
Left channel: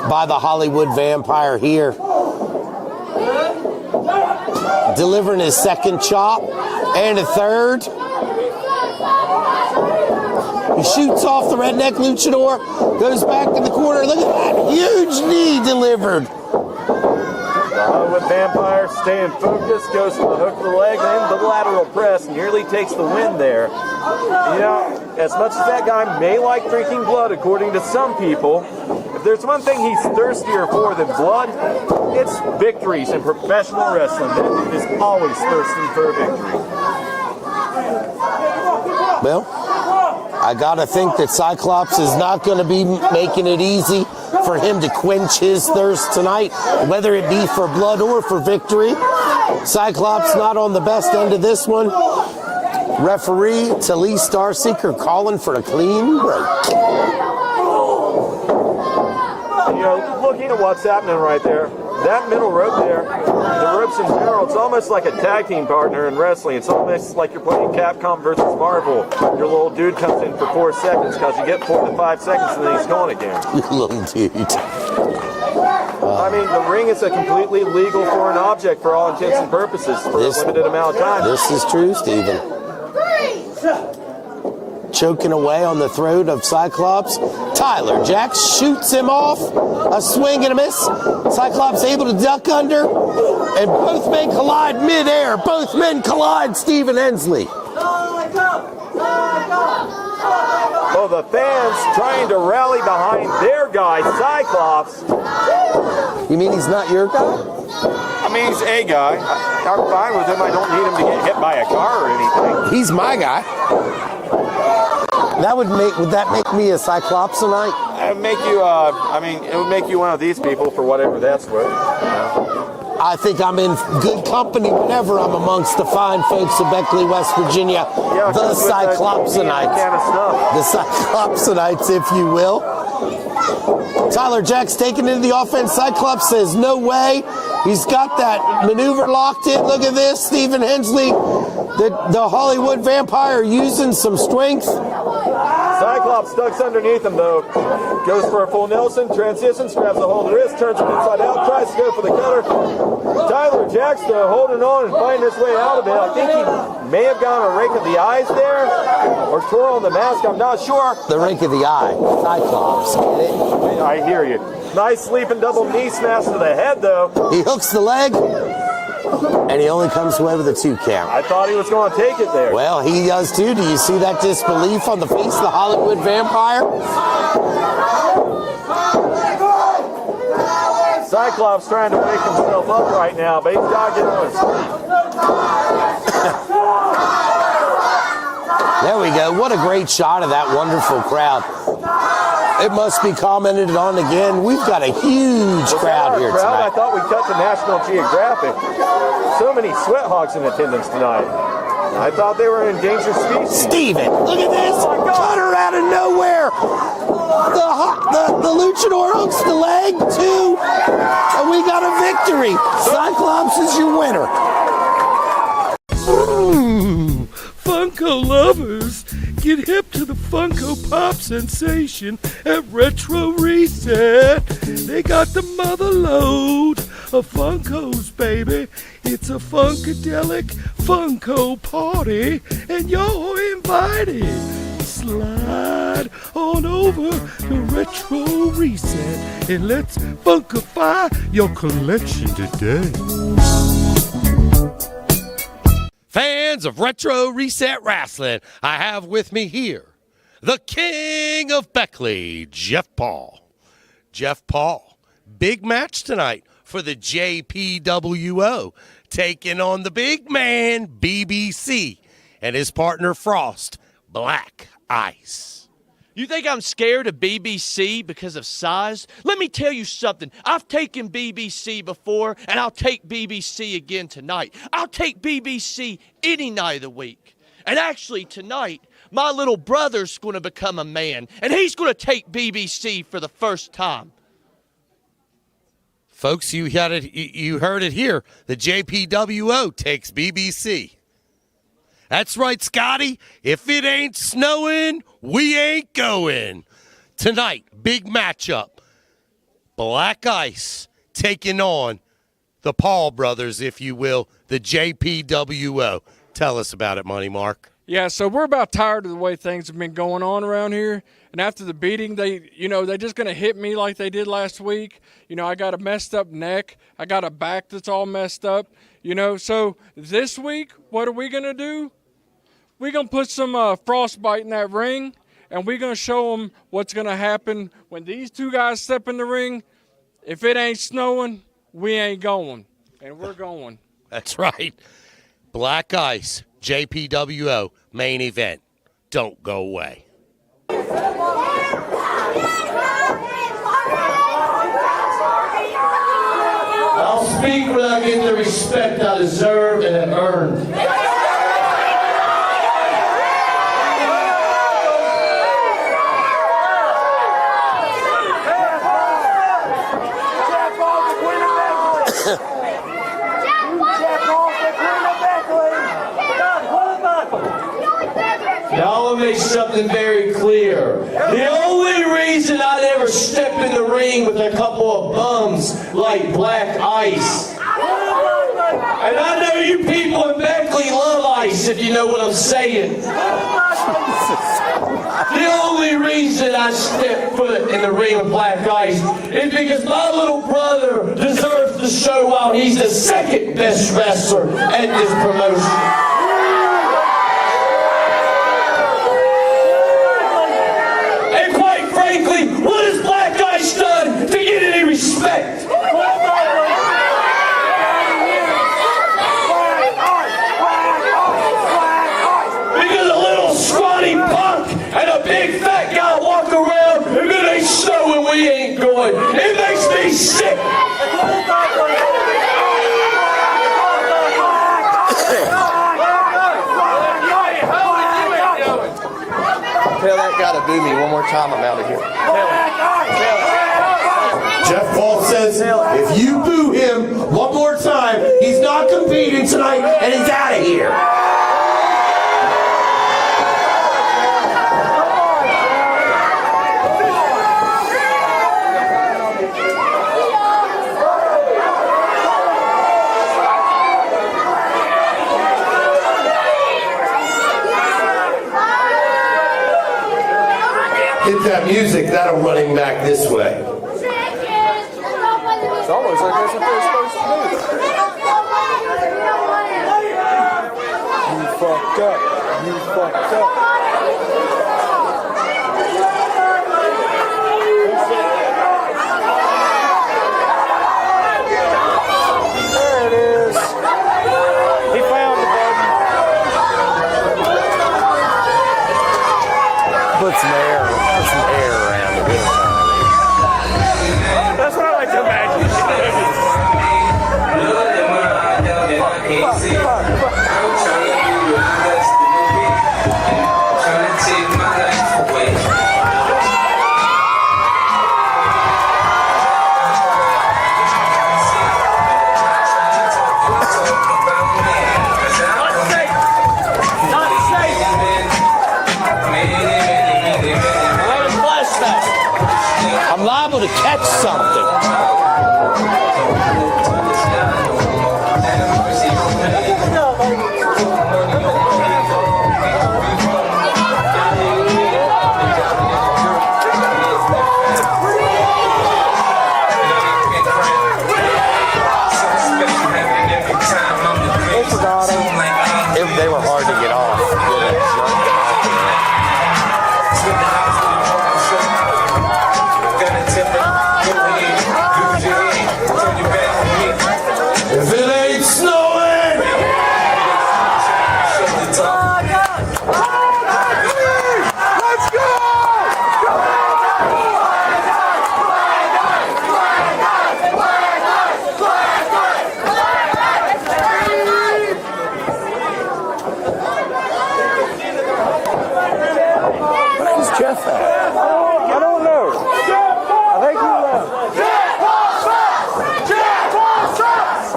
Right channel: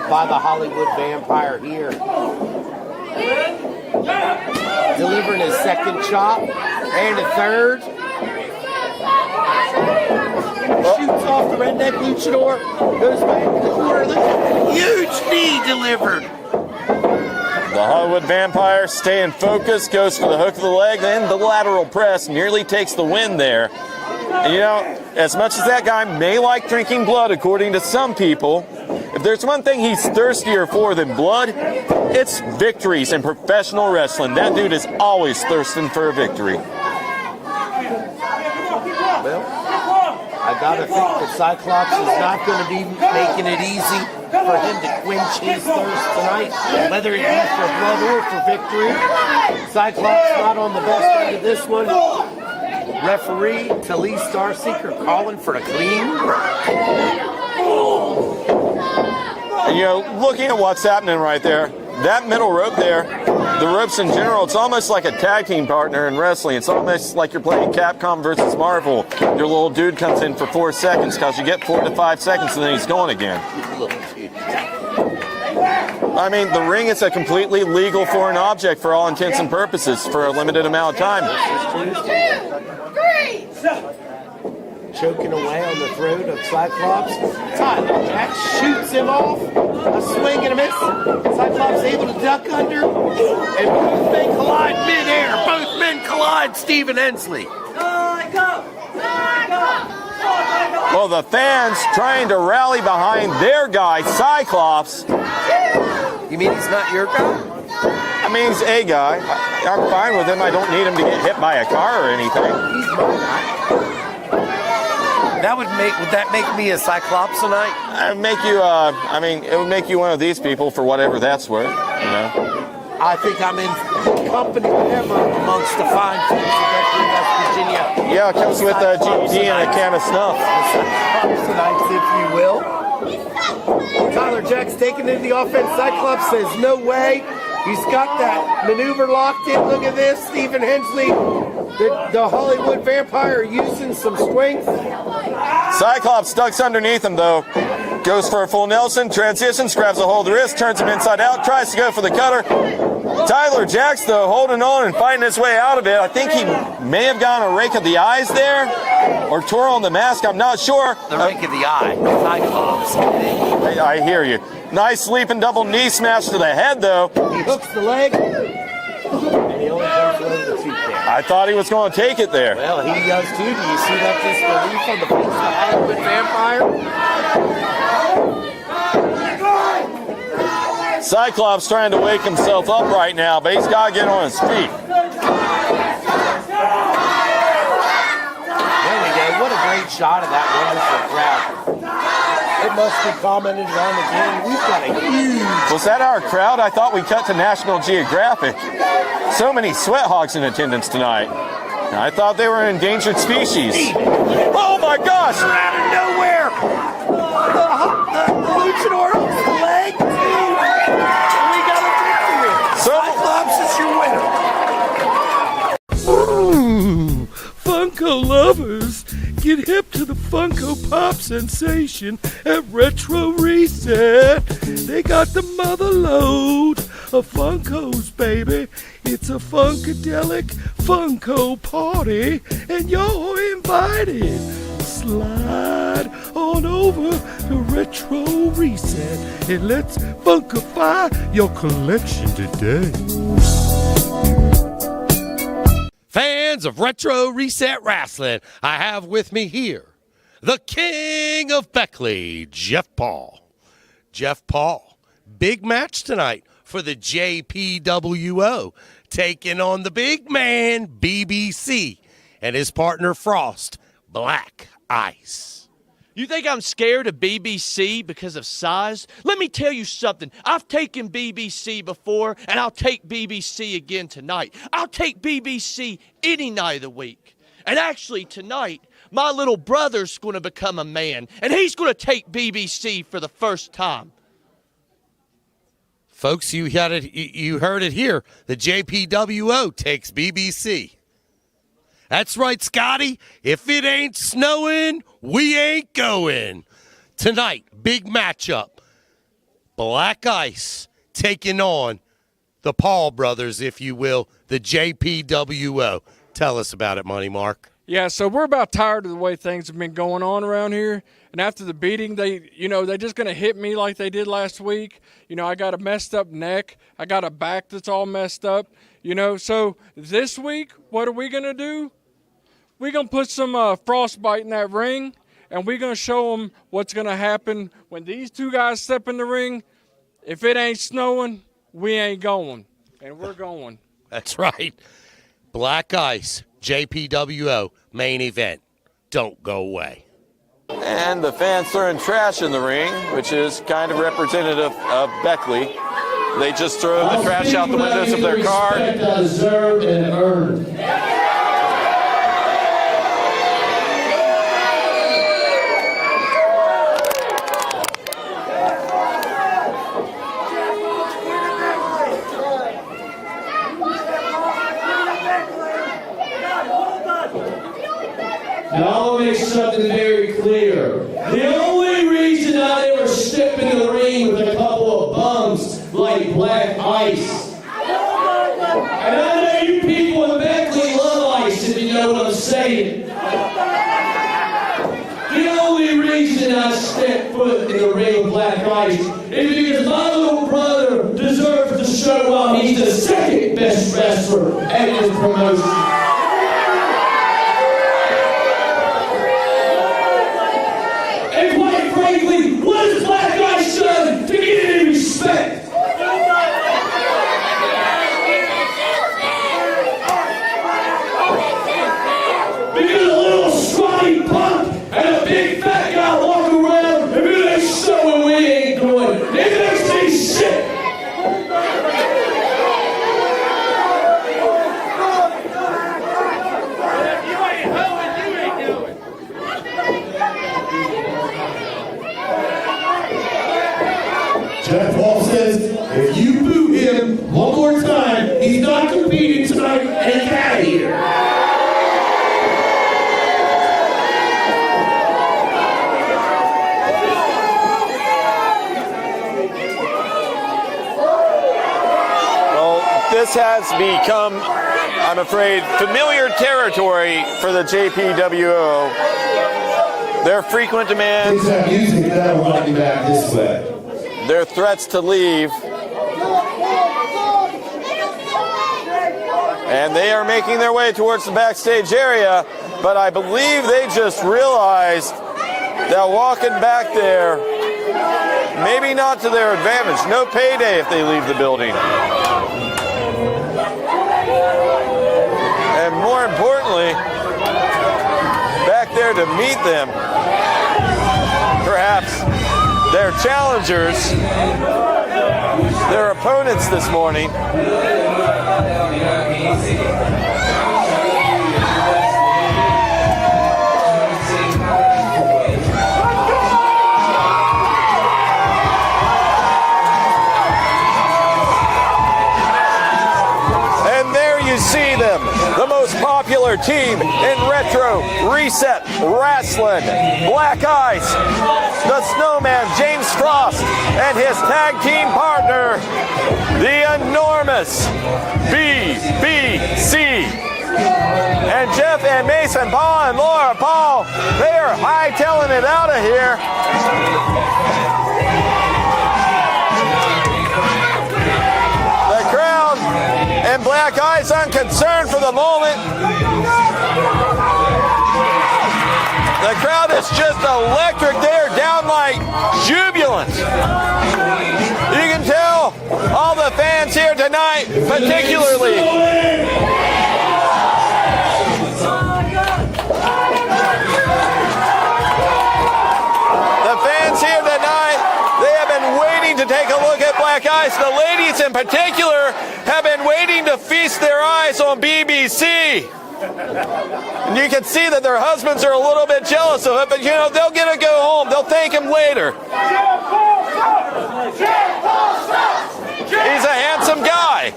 by the Hollywood Vampire here. Delivering his second chop and a third. He shoots off the redneck luchador, goes back to the corner. Look at that huge knee delivered. The Hollywood Vampire staying focused, goes for the hook of the leg, then the lateral press, nearly takes the win there. You know, as much as that guy may like drinking blood, according to some people, if there's one thing he's thirstier for than blood, it's victories in professional wrestling. That dude is always thirsting for a victory. Well, I gotta think that Cyclops is not going to be making it easy for him to quench his thirst tonight, whether it be for blood or for victory. Cyclops not on the best end of this one. Referee Talise Starseeker calling for a clean break. You know, looking at what's happening right there, that middle rope there, the ropes in general, it's almost like a tag team partner in wrestling. It's almost like you're playing Capcom versus Marvel. Your little dude comes in for 4 seconds because you get 4 to 5 seconds and then he's gone again. Little dude. I mean, the ring is a completely legal foreign object for all intents and purposes for a limited amount of time. This is true, Stephen. Choking away on the throat of Cyclops. Tyler Jax shoots him off. A swing and a miss. Cyclops able to duck under. And both men collide midair. Both men collide, Stephen Hensley. Well, the fans trying to rally behind their guy, Cyclops. You mean he's not your guy? I mean, he's a guy. I'm fine with him. I don't need him to get hit by a car or anything. He's my guy. Would that make me a Cyclopsonite? It would make you, it would make you one of these people for whatever that's worth, you know? I think I'm in good company whenever I'm amongst the fine folks of Beckley, West Virginia. Yeah, just with the GD and a can of stuff. The Cyclopsonites, if you will. Tyler Jax taking into the offense. Cyclops says no way. He's got that maneuver locked in. Look at this, Stephen Hensley, the Hollywood Vampire using some strength. Cyclops ducks underneath him, though. Goes for a full Nelson, transitions, grabs a hold of the wrist, turns him inside out, tries to go for the cutter. Tyler Jax, though, holding on and fighting his way out of it. I think he may have gotten a rake of the eyes there, or tore on the mask, I'm not sure. The rake of the eye, Cyclops. I hear you. Nice sleeping double knee smash to the head, though. He hooks the leg, and he only comes away with a 2 count. I thought he was going to take it there. Well, he does too. Do you see that disbelief on the face of the Hollywood Vampire? Cyclops trying to wake himself up right now, but he's got to get on his feet. There we go. What a great shot of that wonderful crowd. It must be commented on again. We've got a huge Was that our here crowd? tonight. I thought we cut to National Geographic. So many sweat hogs in attendance tonight. I thought they were an endangered species. Steven, look at this. Oh my gosh! Turn around of nowhere. The luchador hooks the leg too. And we got a victory. Cyclops is your winner. throwing trash in the ring, which is kind of representative of Beckley. They just throw the trash out the windows of their car. Respect I deserve and have earned. Now, I want to make something very clear. The only reason I never step in the ring with a couple of bums like Black Ice, and I know you people in Beckley love Ice, if you know what I'm saying. The only reason I step foot in the ring with Black Ice is because my little brother deserves to show while he's the second best wrestler at this promotion. Frankly, what has Black Ice done to get any respect? Because a little scrawny punk and a big fat guy walk around and they show when we ain't going. It makes me sick. Tell that guy to boo me one more time, I'm out of here. Jeff Paul says, if you boo him one more time, he's not competing tonight and he's out of here. This has become, I'm afraid, familiar territory for the JPWO. Their frequent demands. It's that music that'll run him back this way. Their threats to leave. And they are making their way towards the backstage area, but I believe they just realized that walking back there, maybe not to their advantage. No payday if they leave the building. There it is. And more importantly, back there to meet them, perhaps their challengers, their opponents this morning. And there you see them, the most popular team in retro reset wrestling. Black Ice, the Snowman, James Cross, and his tag team partner, the enormous BBC. And Jeff and Mason Paul and Laura Paul, they're hightailing it out of here. The crowd and Black Ice aren't concerned for the moment. They were hard to get off. The crowd is just electric. They're downright jubilant. You can tell all the fans here tonight, particularly. The fans here tonight, they have been waiting to take a look at Black Ice. The ladies in particular have been waiting to feast their eyes on BBC. You can see that their husbands are a little bit jealous of him, but you know, they'll get to go home. They'll thank him later. He's a handsome guy.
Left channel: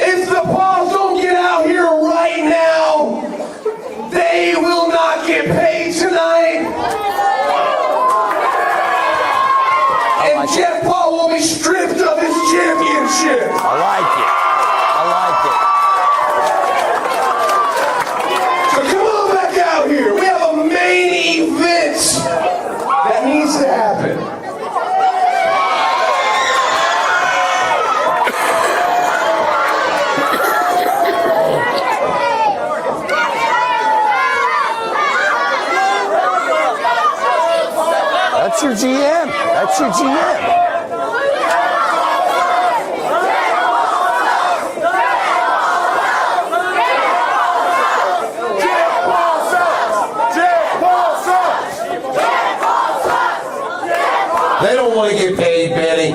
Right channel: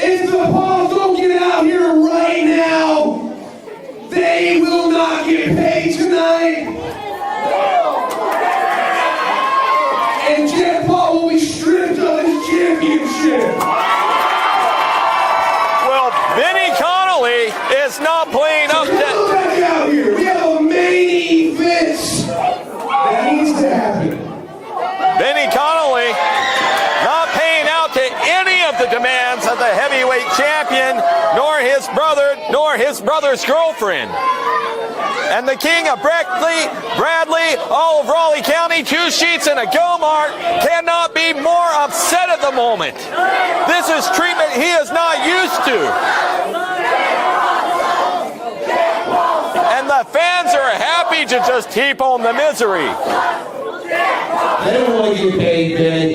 If the Pauls don't get out here right now, they will not get paid tonight. And Jeff Paul will be stripped of his championship. Well, Benny Connolly is not playing So up come on back out here. We have a main event that needs to happen. Benny Connolly not paying out to any of the demands of the heavyweight champion, nor his brother, nor his brother's girlfriend. And the king of Bradley, all of Raleigh County. 22 sheets in a car cannot be more upset at the moment. This is treatment he is not used to. And the fans are happy to just heap on the misery. They don't want to get paid, Benny.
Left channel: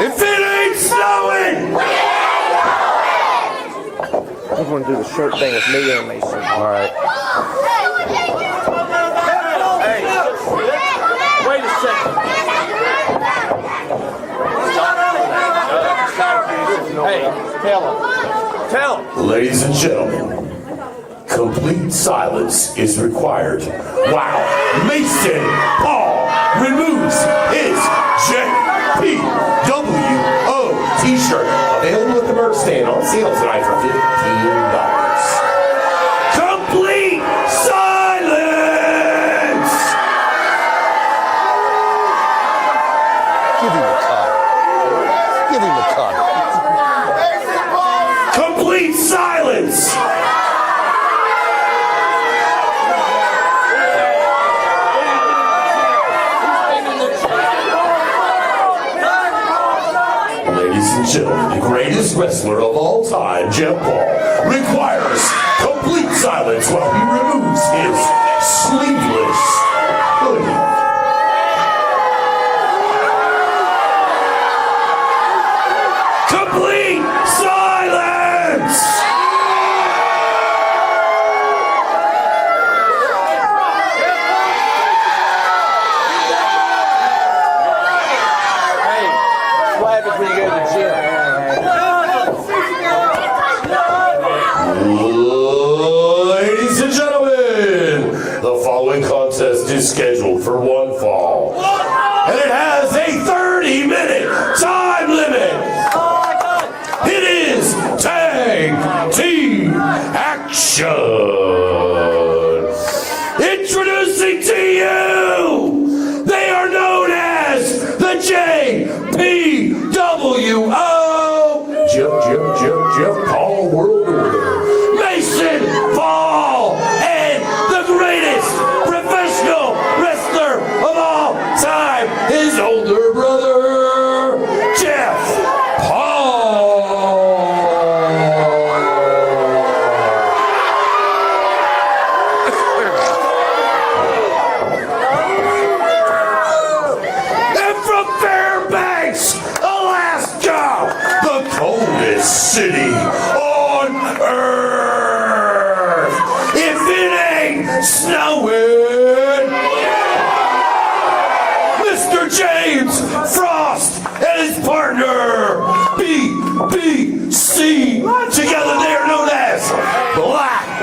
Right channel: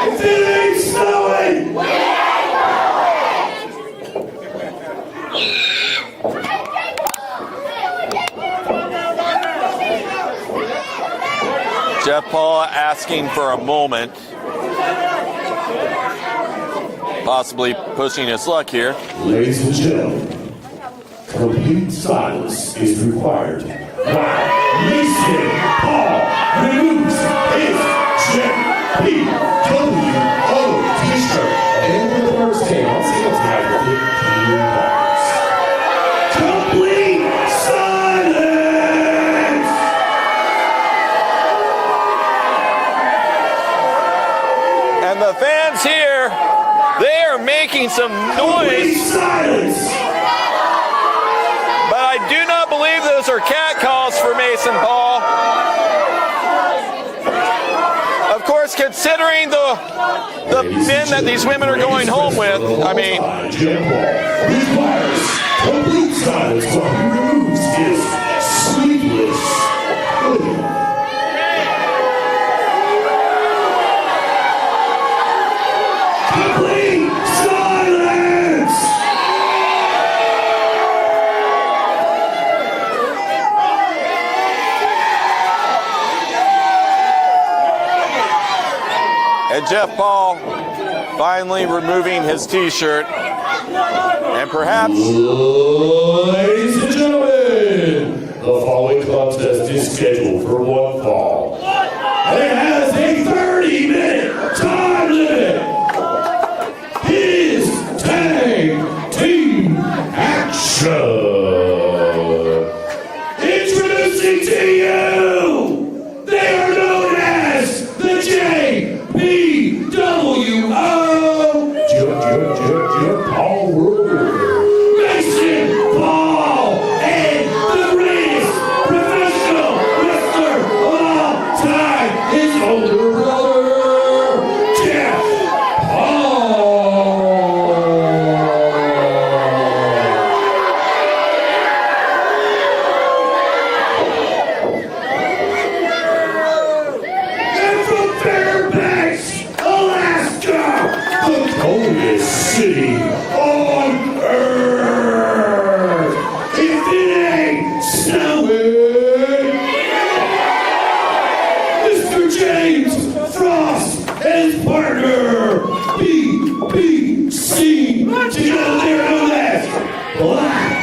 If it ain't snowing! I just want to do the shirt thing with me and Mason. All right. Jeff Paul asking for a moment. Possibly pushing his luck here. Ladies and gentlemen, complete silence is required. Wow. Mason Paul removes his JPWO t-shirt. Available at the merch stand on sale tonight for $15. Complete silence! And the fans here, they're making some Complete noise. silence! But I do not believe those are cat calls for Mason Paul. Of course, considering the men that these women are going home with, I mean, Jeff Paul requires complete silence while he removes his sleeveless hoodie. Complete silence! and Jeff Paul finally removing his t-shirt. And perhaps Ladies and gentlemen, the following contest is scheduled for one fall. And it has a 30-minute time limit. It is tag team action. Introducing to you, they are known as the JPWO. Jeff Paul World Order. Mason Paul and the greatest professional wrestler of all time, his older brother, Jeff Paul. And from Fairbanks, Alaska, the coldest city on earth. If it ain't snowing, Mr. James Frost and his partner, BBC, together they're known as Black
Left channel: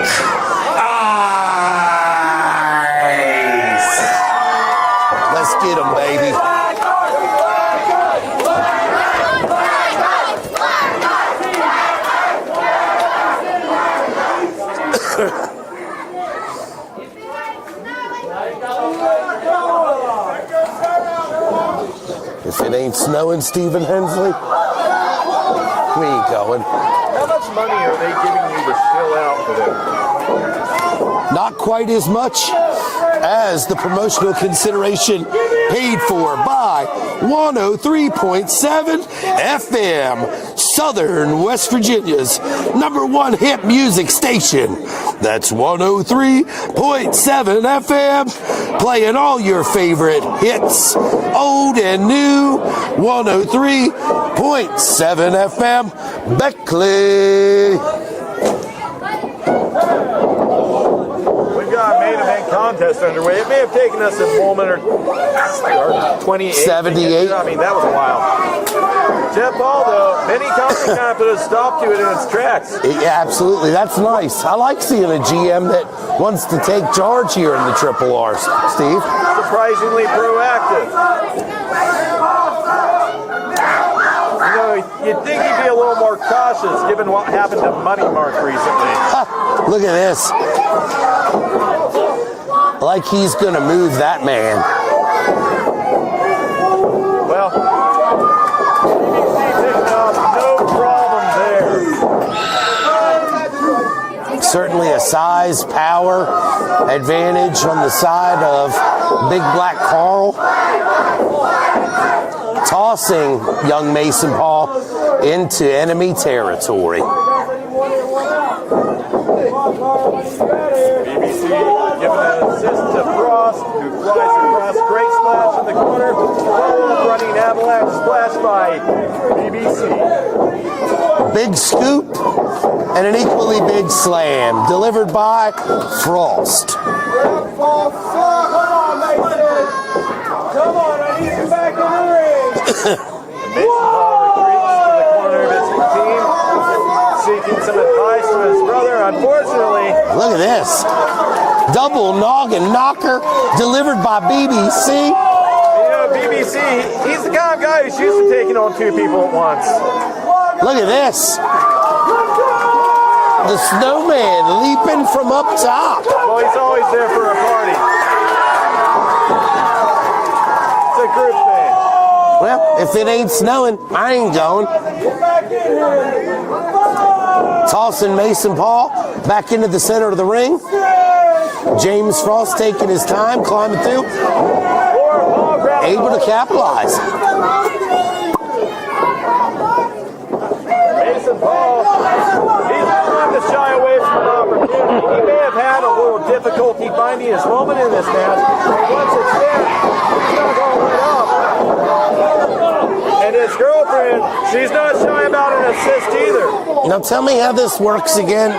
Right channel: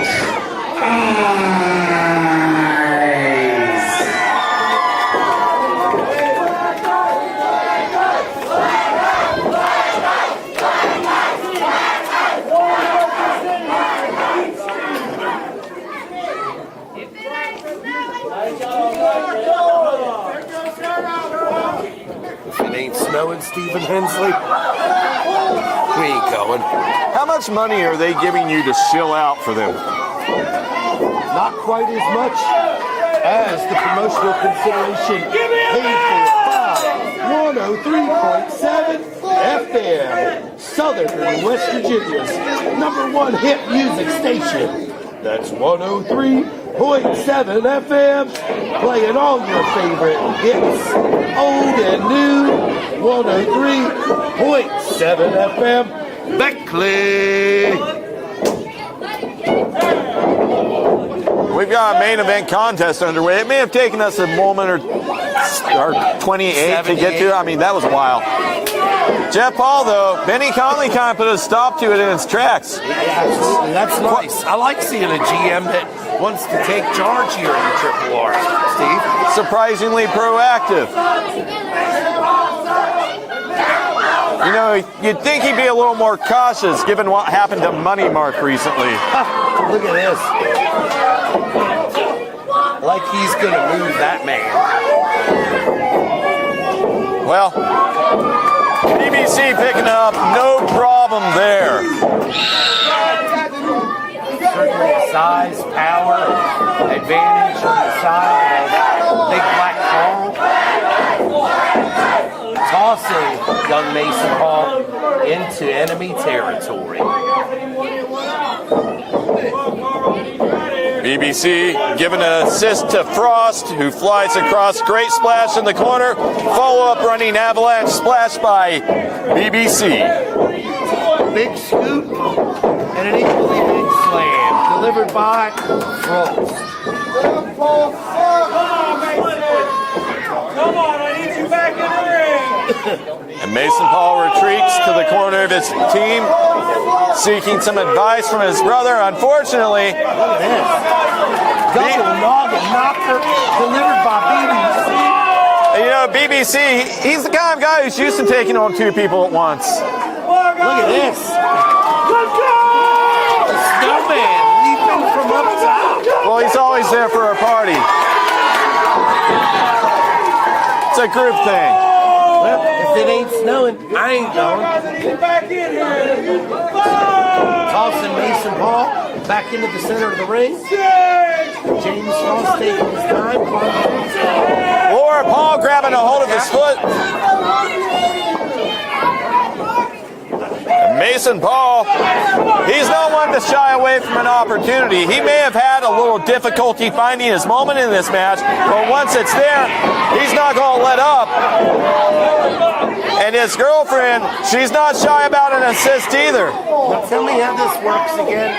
Eyes. Let's get him, baby. If it ain't snowing, Stephen Hensley, we ain't going. how much money are they giving you to chill out for them? Not quite as much as the promotional consideration paid for by 103.7 FM, Southern West Virginia's #1 hit music station. That's 103.7 FM, playing all your favorite hits, old and new. 103.7 FM, Beckley. We've got a main event contest underway. It may have taken us a moment or 28 to get to. I mean, that was wild. Jeff Paul, though, Benny Conley kind of put a stop to it in its tracks. Yeah, absolutely. That's nice. I like seeing a GM that wants to take charge here in the Triple R, Steve. Surprisingly proactive. You know, you'd think he'd be a little more cautious given what happened to Money Mark recently. Look at this. Like he's going to move that man. Well, BBC picking up, no problem there. Certainly a size, power advantage on the side of Big Black Carl. Tossing young Mason Paul into enemy territory. BBC giving an assist to Frost, who flies across. Great splash in the corner. Follow-up running avalanche splash by BBC. Big scoop and an equally big slam delivered by Frost. Come on, Mason. Come on, I need you back in the ring. And Mason Paul retreats to the corner of his team, seeking some advice from his brother. Unfortunately, Look at this. Double noggin knocker delivered by BBC. you know, BBC, he's the kind of guy who's used to taking on two people at once. Look at this. The snowman leaping from up top. Well, he's always there for a party. It's a group thing. Well, if it ain't snowing, I ain't going. Get back in here. Tossing Mason Paul back into the center of the ring. James Frost taking his time, climbing through. Or Paul grabbing a Able hold to of his foot. capitalize. Mason Paul, he's not one to shy away from an opportunity. He may have had a little difficulty finding his moment in this match, but once it's there, he's not going to let up. And his girlfriend, she's not shy about an assist either. Now tell me how this works again.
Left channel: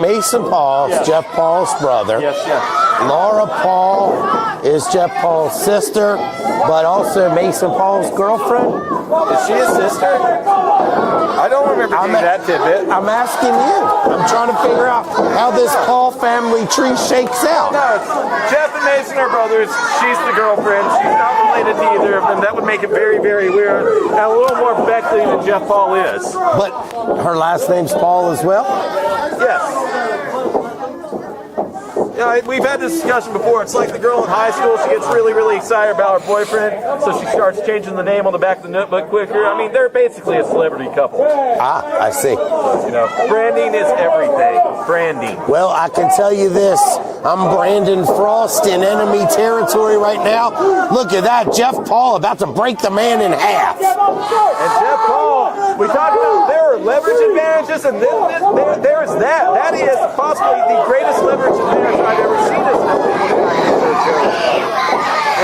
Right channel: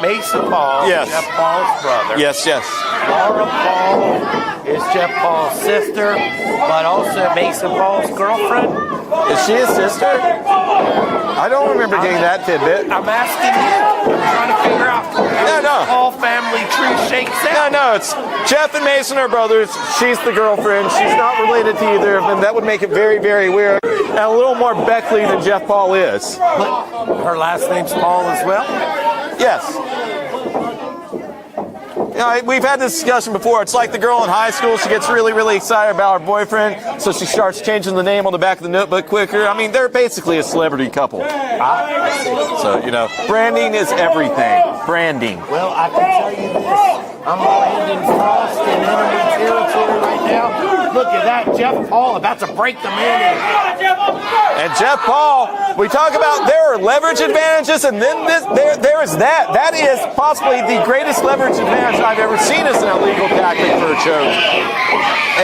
Mason Paul, Yes. Jeff Paul's brother. Yes. Laura Paul is Jeff Paul's sister, but also Mason Paul's girlfriend. Is she his sister? I don't remember getting that tidbit. I'm asking you. I'm trying to figure out how this Paul family tree shakes out. No, it's Jeff and Mason are brothers. She's the girlfriend. She's not related to either of them. That would make it very, very weird. And a little more Beckley than Jeff Paul is. But her last name's Paul as well? Yes. You know, we've had this discussion before. It's like the girl in high school. She gets really, really excited about her boyfriend, so she starts changing the name on the back of the notebook quicker. I mean, they're basically a celebrity couple. I see. So, you know, branding is everything. Branding. Well, I can tell you this. I'm Brandon Frost in enemy territory right now. Look at that. Jeff Paul about to break the man in half. And Jeff Paul, we talk about there are leverage advantages, and then there's that. That is possibly the greatest leverage advantage I've ever seen as an illegal back choke.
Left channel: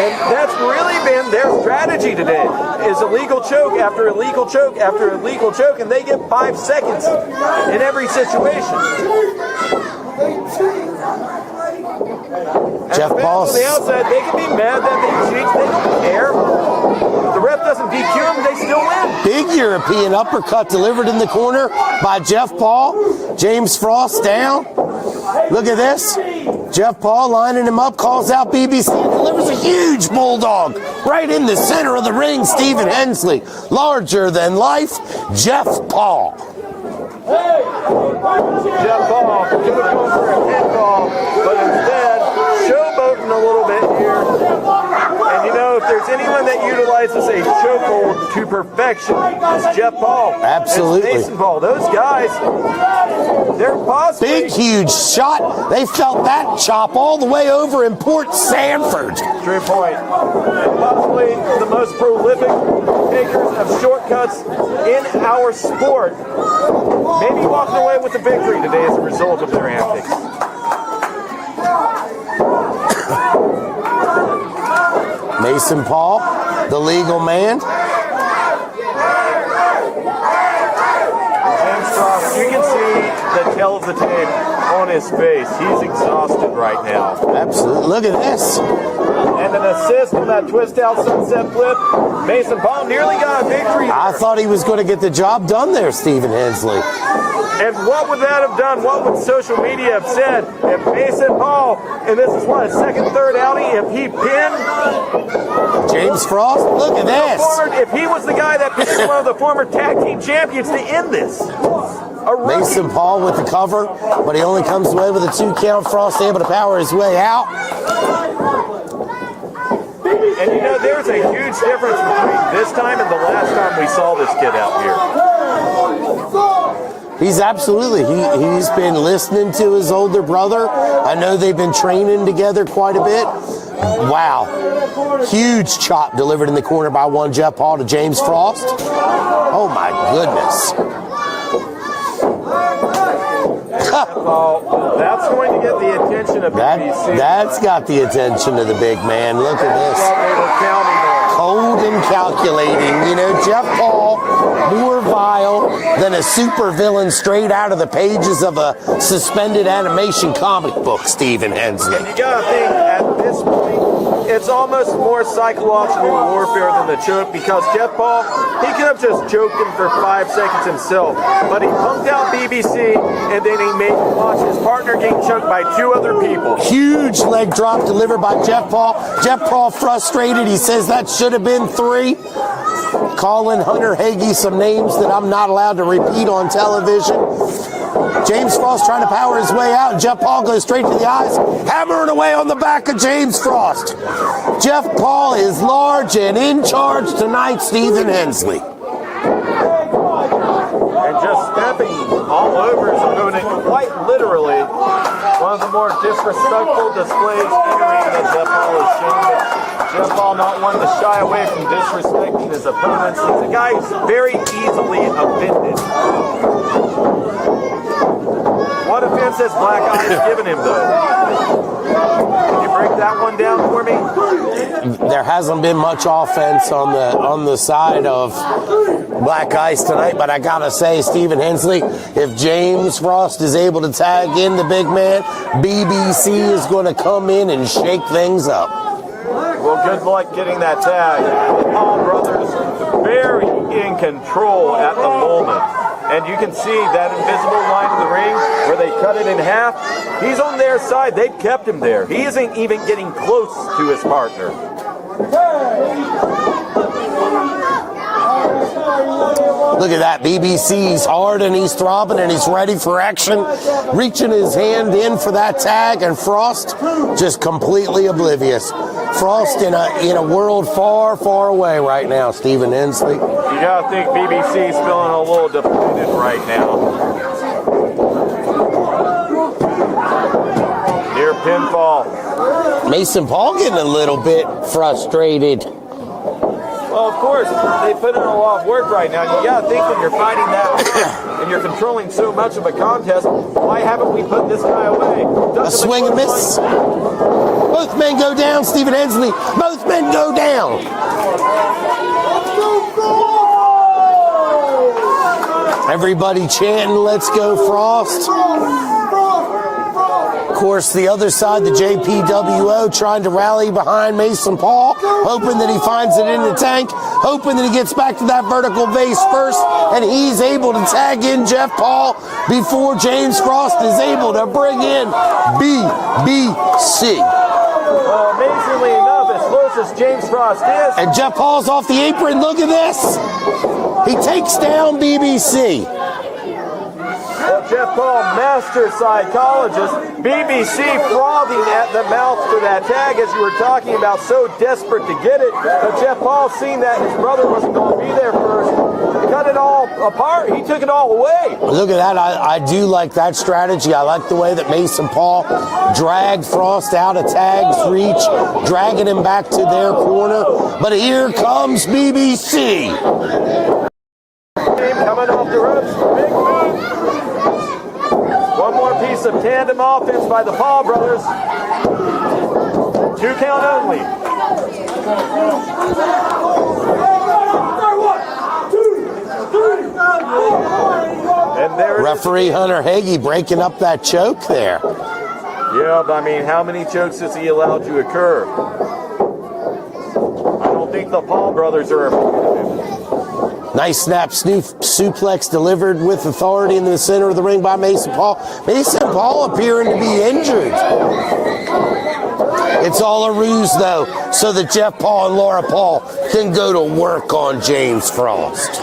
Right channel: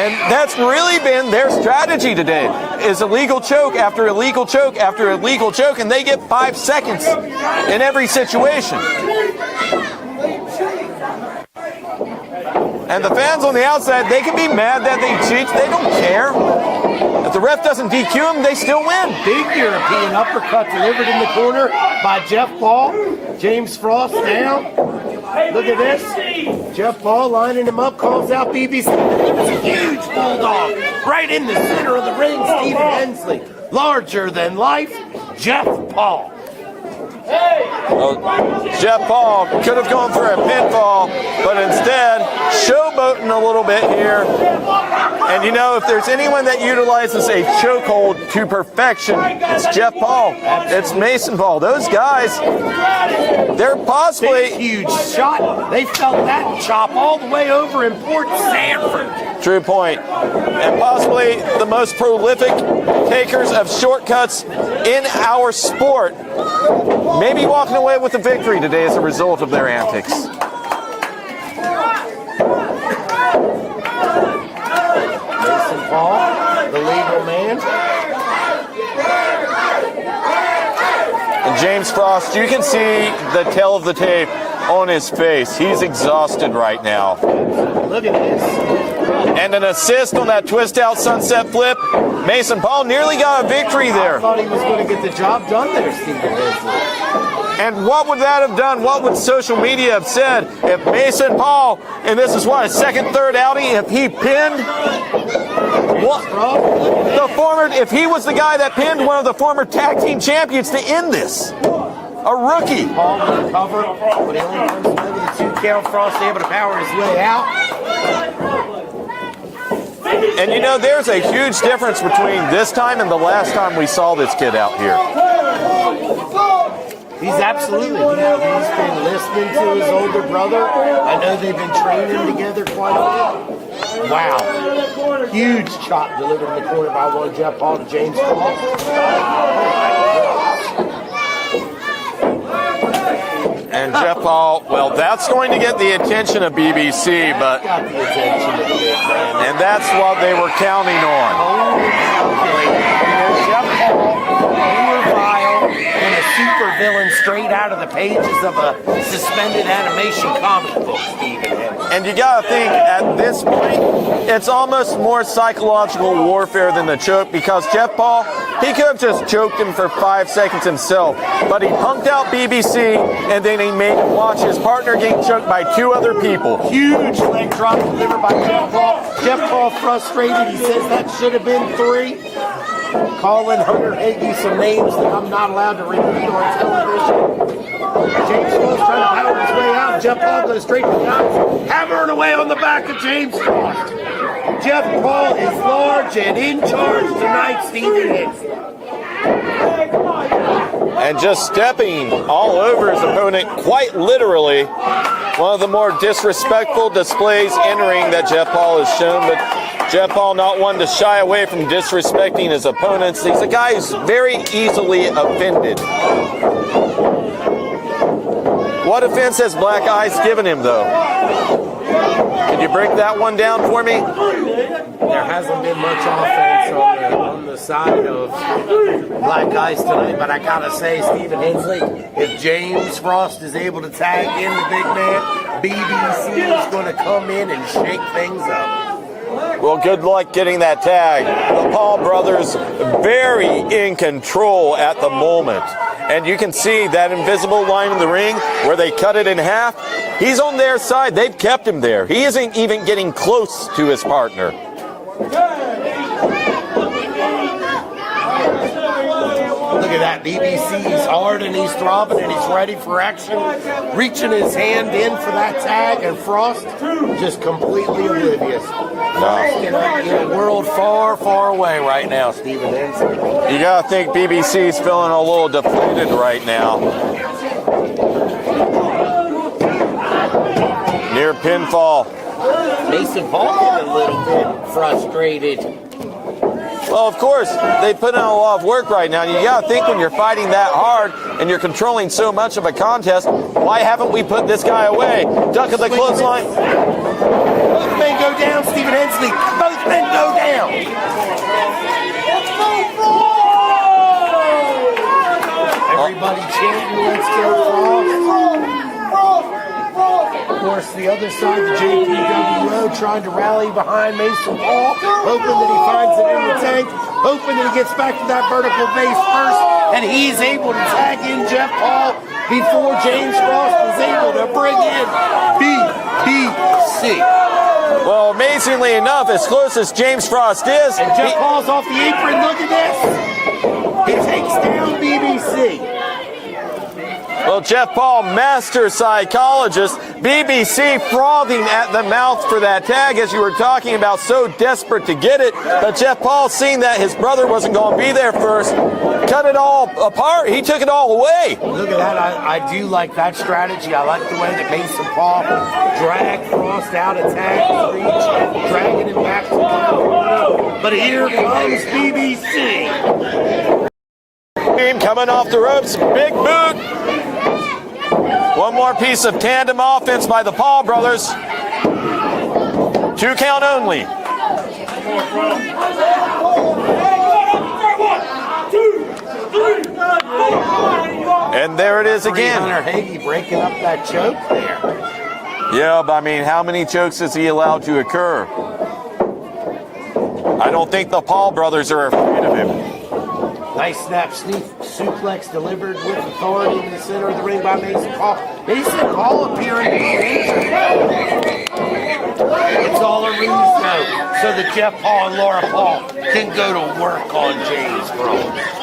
And that's really been their strategy today, is illegal choke after illegal choke after illegal choke, and they get 5 seconds in every situation. And Jeff the fans Paul's- on the outside, they can be mad that they cheat. They don't care. If the ref doesn't DQ them, they still win. Big European uppercut delivered in the corner by Jeff Paul. James Frost down. Look at this. Jeff Paul lining him up, calls out BBC. Delivers a huge bulldog right in the center of the ring. Stephen Hensley, larger than life. Jeff Paul. Jeff Paul could have gone for a pinfall, but instead showboating a little bit here. And you know, if there's anyone that utilizes a chokehold to perfection, it's Jeff Paul. Absolutely. It's Mason Paul. Those guys, they're possibly... Big, huge shot. They felt that chop all the way over in Port Sanford. True point. And possibly the most prolific takers of shortcuts in our sport. Maybe walking away with the victory today as a result of their antics. Mason Paul, the legal man. And James Frost, you can see the tail of the tape on his face. He's exhausted right now. Absolutely. Look at this. And an assist on that twist out sunset flip. Mason Paul nearly got a victory I there. thought he was going to get the job done there, Stephen Hensley. And what would that have done? What would social media have said if Mason Paul, and this is what, his second, third outing, if he pinned James Frost, look at this. if he was the guy that pinned one of the former tag team champions to end this? A rookie. Mason Paul with the cover, but he only comes away with a 2 count. Frost able to power his way out. And you know, there's a huge difference between this time and the last time we saw this kid out here. He's absolutely. He's been listening to his older brother. I know they've been training together quite a bit. Wow. Huge chop delivered in the corner by one Jeff Paul to James Frost. Oh, my goodness. And Jeff Paul, well, that's going to get the attention of BBC. That's got the attention of the big man. And that's what they were counting on. Cold and calculating. You know, Jeff Paul, more vile than a supervillain straight out of the pages of a suspended animation comic book, Stephen Henson. And you gotta think, at this point, it's almost more psychological warfare than the choke, because Jeff Paul, he could have just choked him for 5 seconds himself, but he punked out BBC, and then he made him watch his partner get choked by 2 other people. Huge leg drop delivered by Jeff Paul. Jeff Paul frustrated. He says that should have been 3. Calling Hunter Hagee some names that I'm not allowed to repeat on television. James Frost trying to power his way out, and Jeff Paul goes straight to the eyes, hammering away on the back of James Frost. Jeff Paul is large and in charge tonight, Stephen Hensley. And just stepping all over his opponent, quite literally. One of the more disrespectful displays entering that Jeff Paul has shown, but Jeff Paul not one to shy away from disrespecting his opponents. He's a guy who's very easily offended. What offense has Black Ice given him, though? Can you break that one down for me? There hasn't been much offense on the side of Black Ice tonight, but I gotta say, Stephen Hensley, if James Frost is able to tag in the big man, BBC is going to come in and shake things up. Well, good luck getting that tag. The Paul brothers very in control at the moment. And you can see that invisible line in the ring where they cut it in half. He's on their side. They've kept him there. He isn't even getting close to his partner. Look at that. BBC's hard and he's throbbing and he's ready for action. Reaching his hand in for that tag, and Frost just completely oblivious. Frost in a world far, far away right now, Stephen Hensley. You gotta think BBC's feeling a little deflated right now. Near pinfall. Mason Paul getting a little bit frustrated. Well, of course, they put in a lot of work right now. You gotta think, when you're fighting that hard and you're controlling so much of a contest, why haven't we put this guy away? Duck at the clothesline. Both men go down, Stephen Hensley. Both men go down. Everybody chanting, let's go Frost. Of course, the other side, the JPWO, trying to rally behind Mason Paul, hoping that he finds it in the tank, hoping that he gets back to that vertical base first, and he's able to tag in Jeff Paul before James Frost is able to bring in BBC. Well, amazingly enough, as close as James Frost is, and Jeff Paul's off the apron, look at this. He takes down BBC. Well, Jeff Paul, master psychologist, BBC frothing at the mouth for that tag, as you were talking about, so desperate to get it. But Jeff Paul, seeing that his brother wasn't going to be there first, cut it all apart. He took it all away. Look at that. I do like that strategy. I like the way that Mason Paul dragged Frost out of tag's reach, dragging him back to their corner. But here comes BBC. Coming off the ropes, big boot. One more piece of tandem offense by the Paul brothers. 2 count only. And there it is Referee again. Hunter Hagee breaking up that choke there. Yeah, but I mean, how many chokes is he allowed to occur? I don't think the Paul brothers are afraid of him. Nice snap suplex delivered with authority into the center of the ring by Mason Paul. Mason Paul appearing to be injured. It's all a ruse, though, so that Jeff Paul and Laura Paul can go to work on James Frost.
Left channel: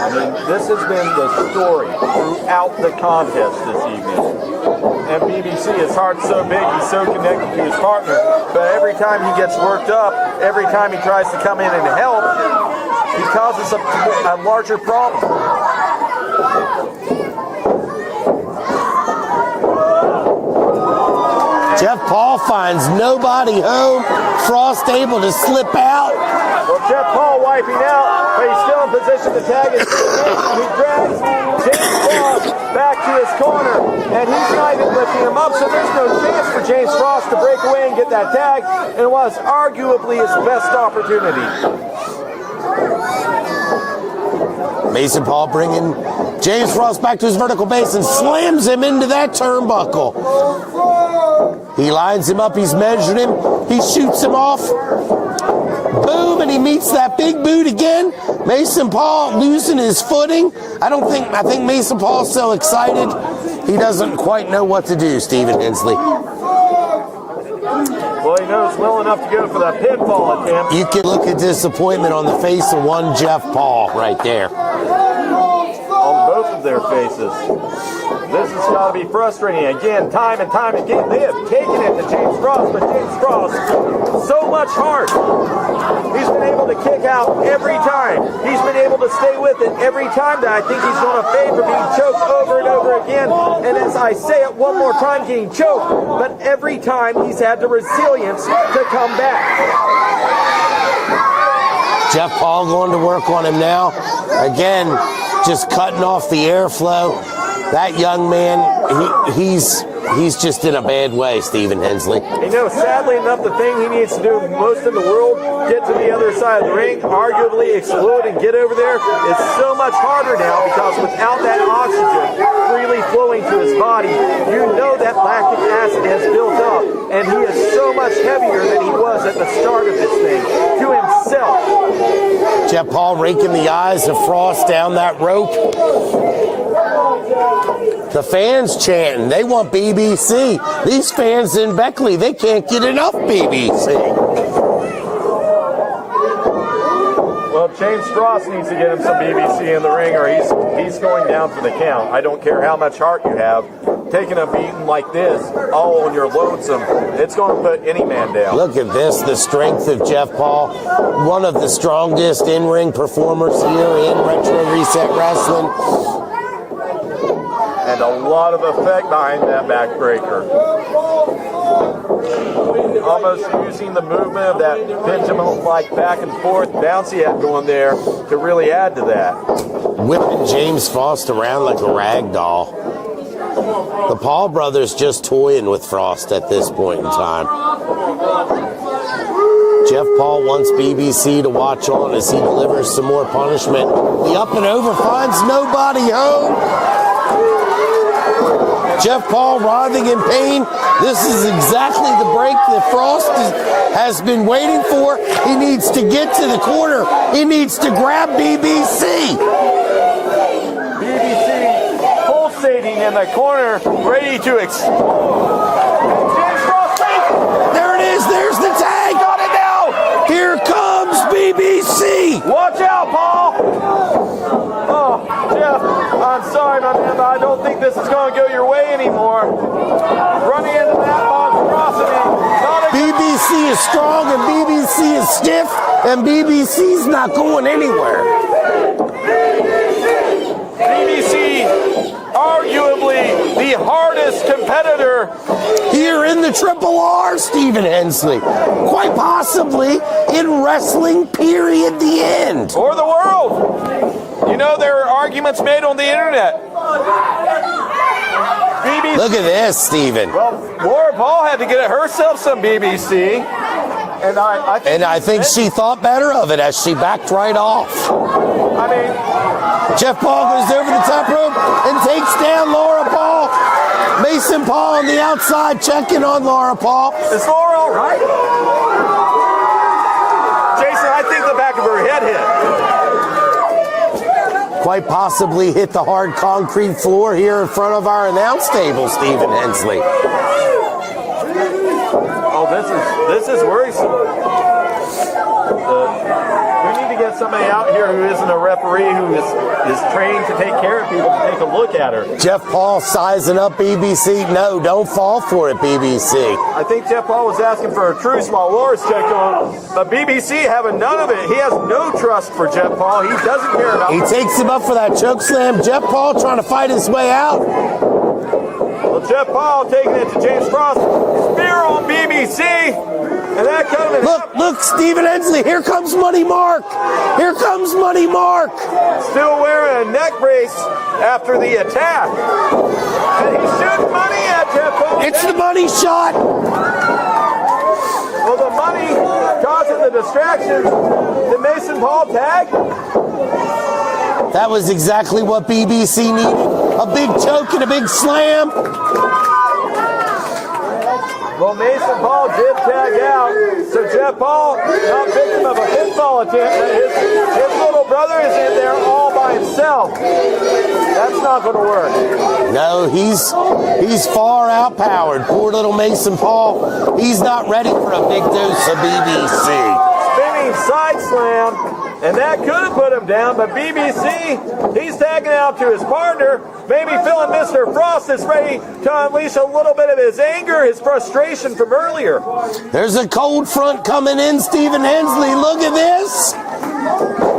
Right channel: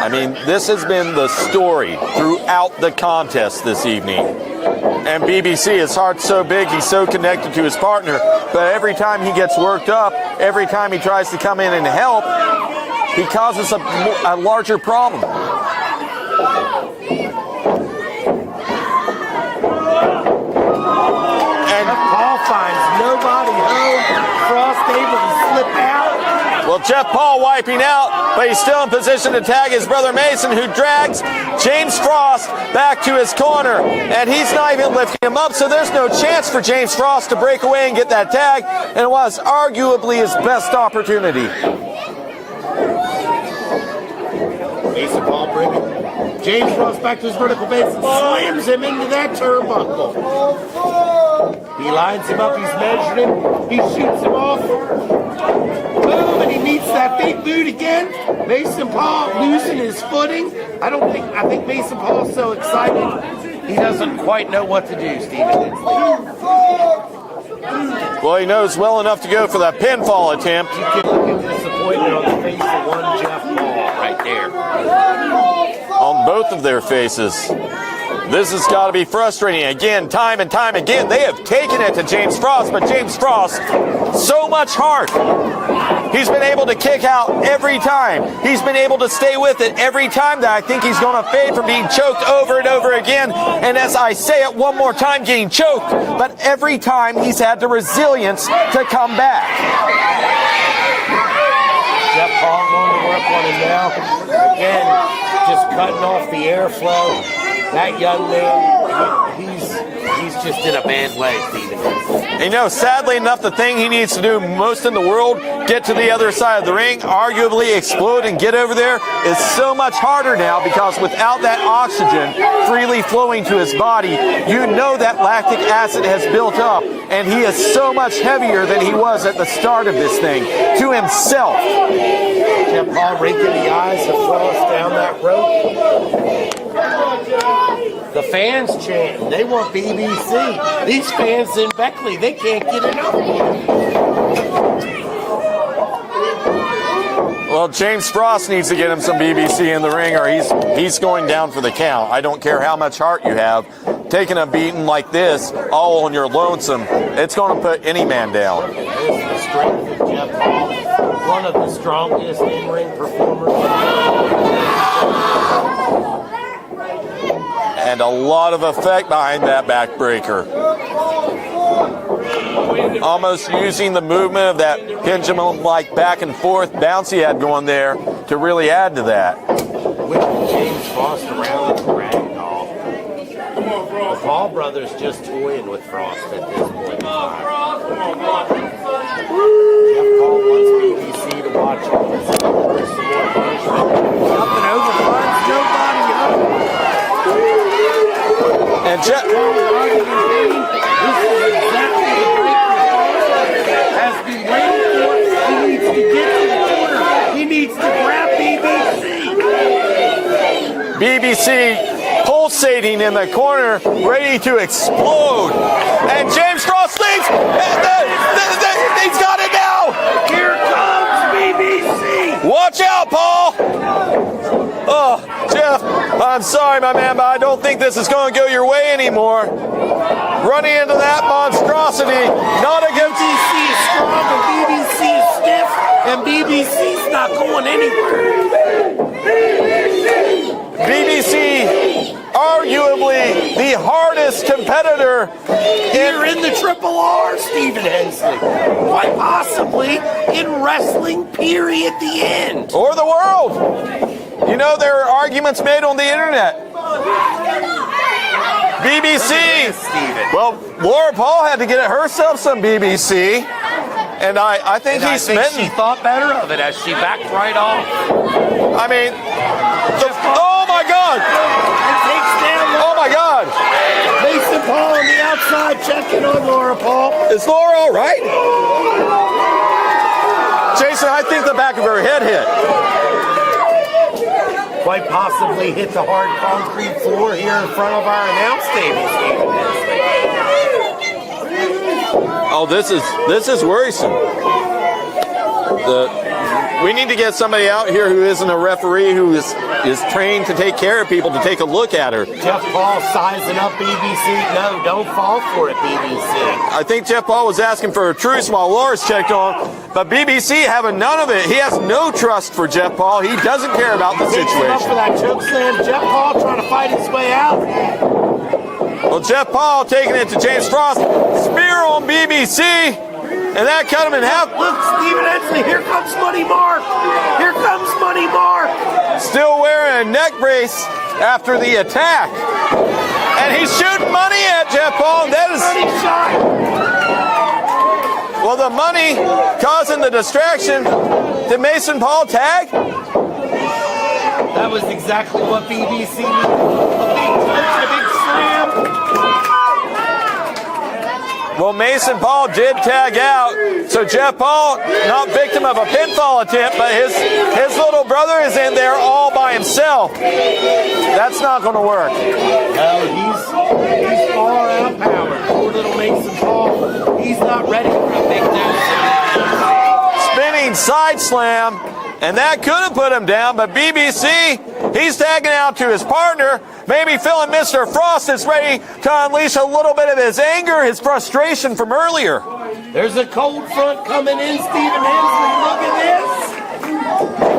I mean, this has been the story throughout the contest this evening. And BBC, his heart's so big, he's so connected to his partner, but every time he gets worked up, every time he tries to come in and help, he causes a larger problem. Jeff Paul finds nobody home. Frost able to slip out. Well, Jeff Paul wiping out, but he's still in position to tag his brother Mason, who drags James Frost back to his corner. And he's not even lifting him up, so there's no chance for James Frost to break away and get that tag. And it was arguably his best opportunity. Mason Paul bringing James Frost back to his vertical base and slams him into that turnbuckle. He lines him up, he's measured him, he shoots him off. Boom, and he meets that big boot again. Mason Paul losing his footing. I think Mason Paul's so excited, he doesn't quite know what to do, Stephen Hensley. Well, he knows well enough to go for that pinfall attempt. You can look at disappointment on the face of one Jeff Paul right there. On both of their faces. This has got to be frustrating. Again, time and time again, they have taken it to James Frost, but James Frost, so much heart. He's been able to kick out every time. He's been able to stay with it every time that I think he's going to fade for being choked over and over again. And as I say it one more time, getting choked, but every time he's had the resilience to come back. Jeff Paul going to work on him now. Again, just cutting off the airflow. That young man, he's just in a bad way, Stephen Hensley. You know, sadly enough, the thing he needs to do most in the world, get to the other side of the ring, arguably explode and get over there, is so much harder now because without that oxygen freely flowing to his body, you know that lactic acid has built up, and he is so much heavier than he was at the start of this thing, to himself. Jeff Paul raking the eyes of Frost down that rope. The fans chanting, they want BBC. These fans in Beckley, they can't get enough BBC. Well, James Frost needs to get him some BBC in the ring or he's going down for the count. I don't care how much heart you have. Taking a beating like this, all on your lonesome, it's going to put any man down. Look at this, the strength of Jeff Paul. One of the strongest in-ring performers here in Retro Reset Wrestling. And a lot of effect behind that backbreaker. Almost using the movement of that pendulum-like back and forth bounce he had going there to really add to that. Whipping James Frost around like a rag doll. The Paul brothers just toying with Frost at this point in time. Jeff Paul wants BBC to watch on as he delivers some more punishment. The up and over finds nobody home. Jeff Paul writhing in pain. This is exactly the break that Frost has been waiting for. He needs to get to the corner. He needs to grab BBC. BBC pulsating in the corner, ready to explode. And James Frost thinks, he's got it now. Here comes BBC. Watch out, Paul. Oh, Jeff, I'm sorry, my man, but I don't think this is going to go your way anymore. Running into that monstrosity. BBC is strong and BBC is stiff, and BBC's not going anywhere. BBC, arguably the hardest competitor here in the Triple R, Stephen Hensley. Quite possibly in wrestling, period, the end. Or the world. You know, there are arguments made on the internet. BBC. Look at this, Stephen. Well, Laura Paul had to get herself some BBC. And I think she thought better of it as she backed right off. I mean, Jeff Paul goes over the top rope and takes down Laura Paul. Mason Paul on the outside checking on Laura Paul. Is Laura all right? Jason, I think the back of her head hit. Quite possibly hit the hard concrete floor here in front of our announce table, Stephen Hensley. Oh, this is worrisome. We need to get somebody out here who isn't a referee, who is trained to take care of people, to take a look at her. Jeff Paul sizing up BBC. No, don't fall for it, BBC. I think Jeff Paul was asking for a truce while Loris checked on, but BBC having none of it. He has no trust for Jeff Paul. He doesn't care about the situation. He takes him up for that choke slam. Jeff Paul trying to fight his way out. Well, Jeff Paul taking it to James Frost. Spear on BBC. And that cut him in half. Look, Stephen Hensley, here comes Money Mark. Here comes Money Mark. Still wearing a neck brace after the attack. And he's shooting money at Jeff Paul. It's the money shot. Well, the money causing the distraction. Did Mason Paul tag? That was exactly what BBC needed. A big choke and a big slam. Well, Mason Paul did tag out, so Jeff Paul, not victim of a pinfall attempt, but his little brother is in there all by himself. That's not going to work. No, he's far outpowered. Poor little Mason Paul. He's not ready for a big deuce at BBC. Spinning side slam, and that could have put him down, but BBC, he's tagging out to his partner, maybe feeling Mr. Frost is ready to unleash a little bit of his anger, his frustration from earlier. There's a cold front coming in, Stephen Hensley. Look at this.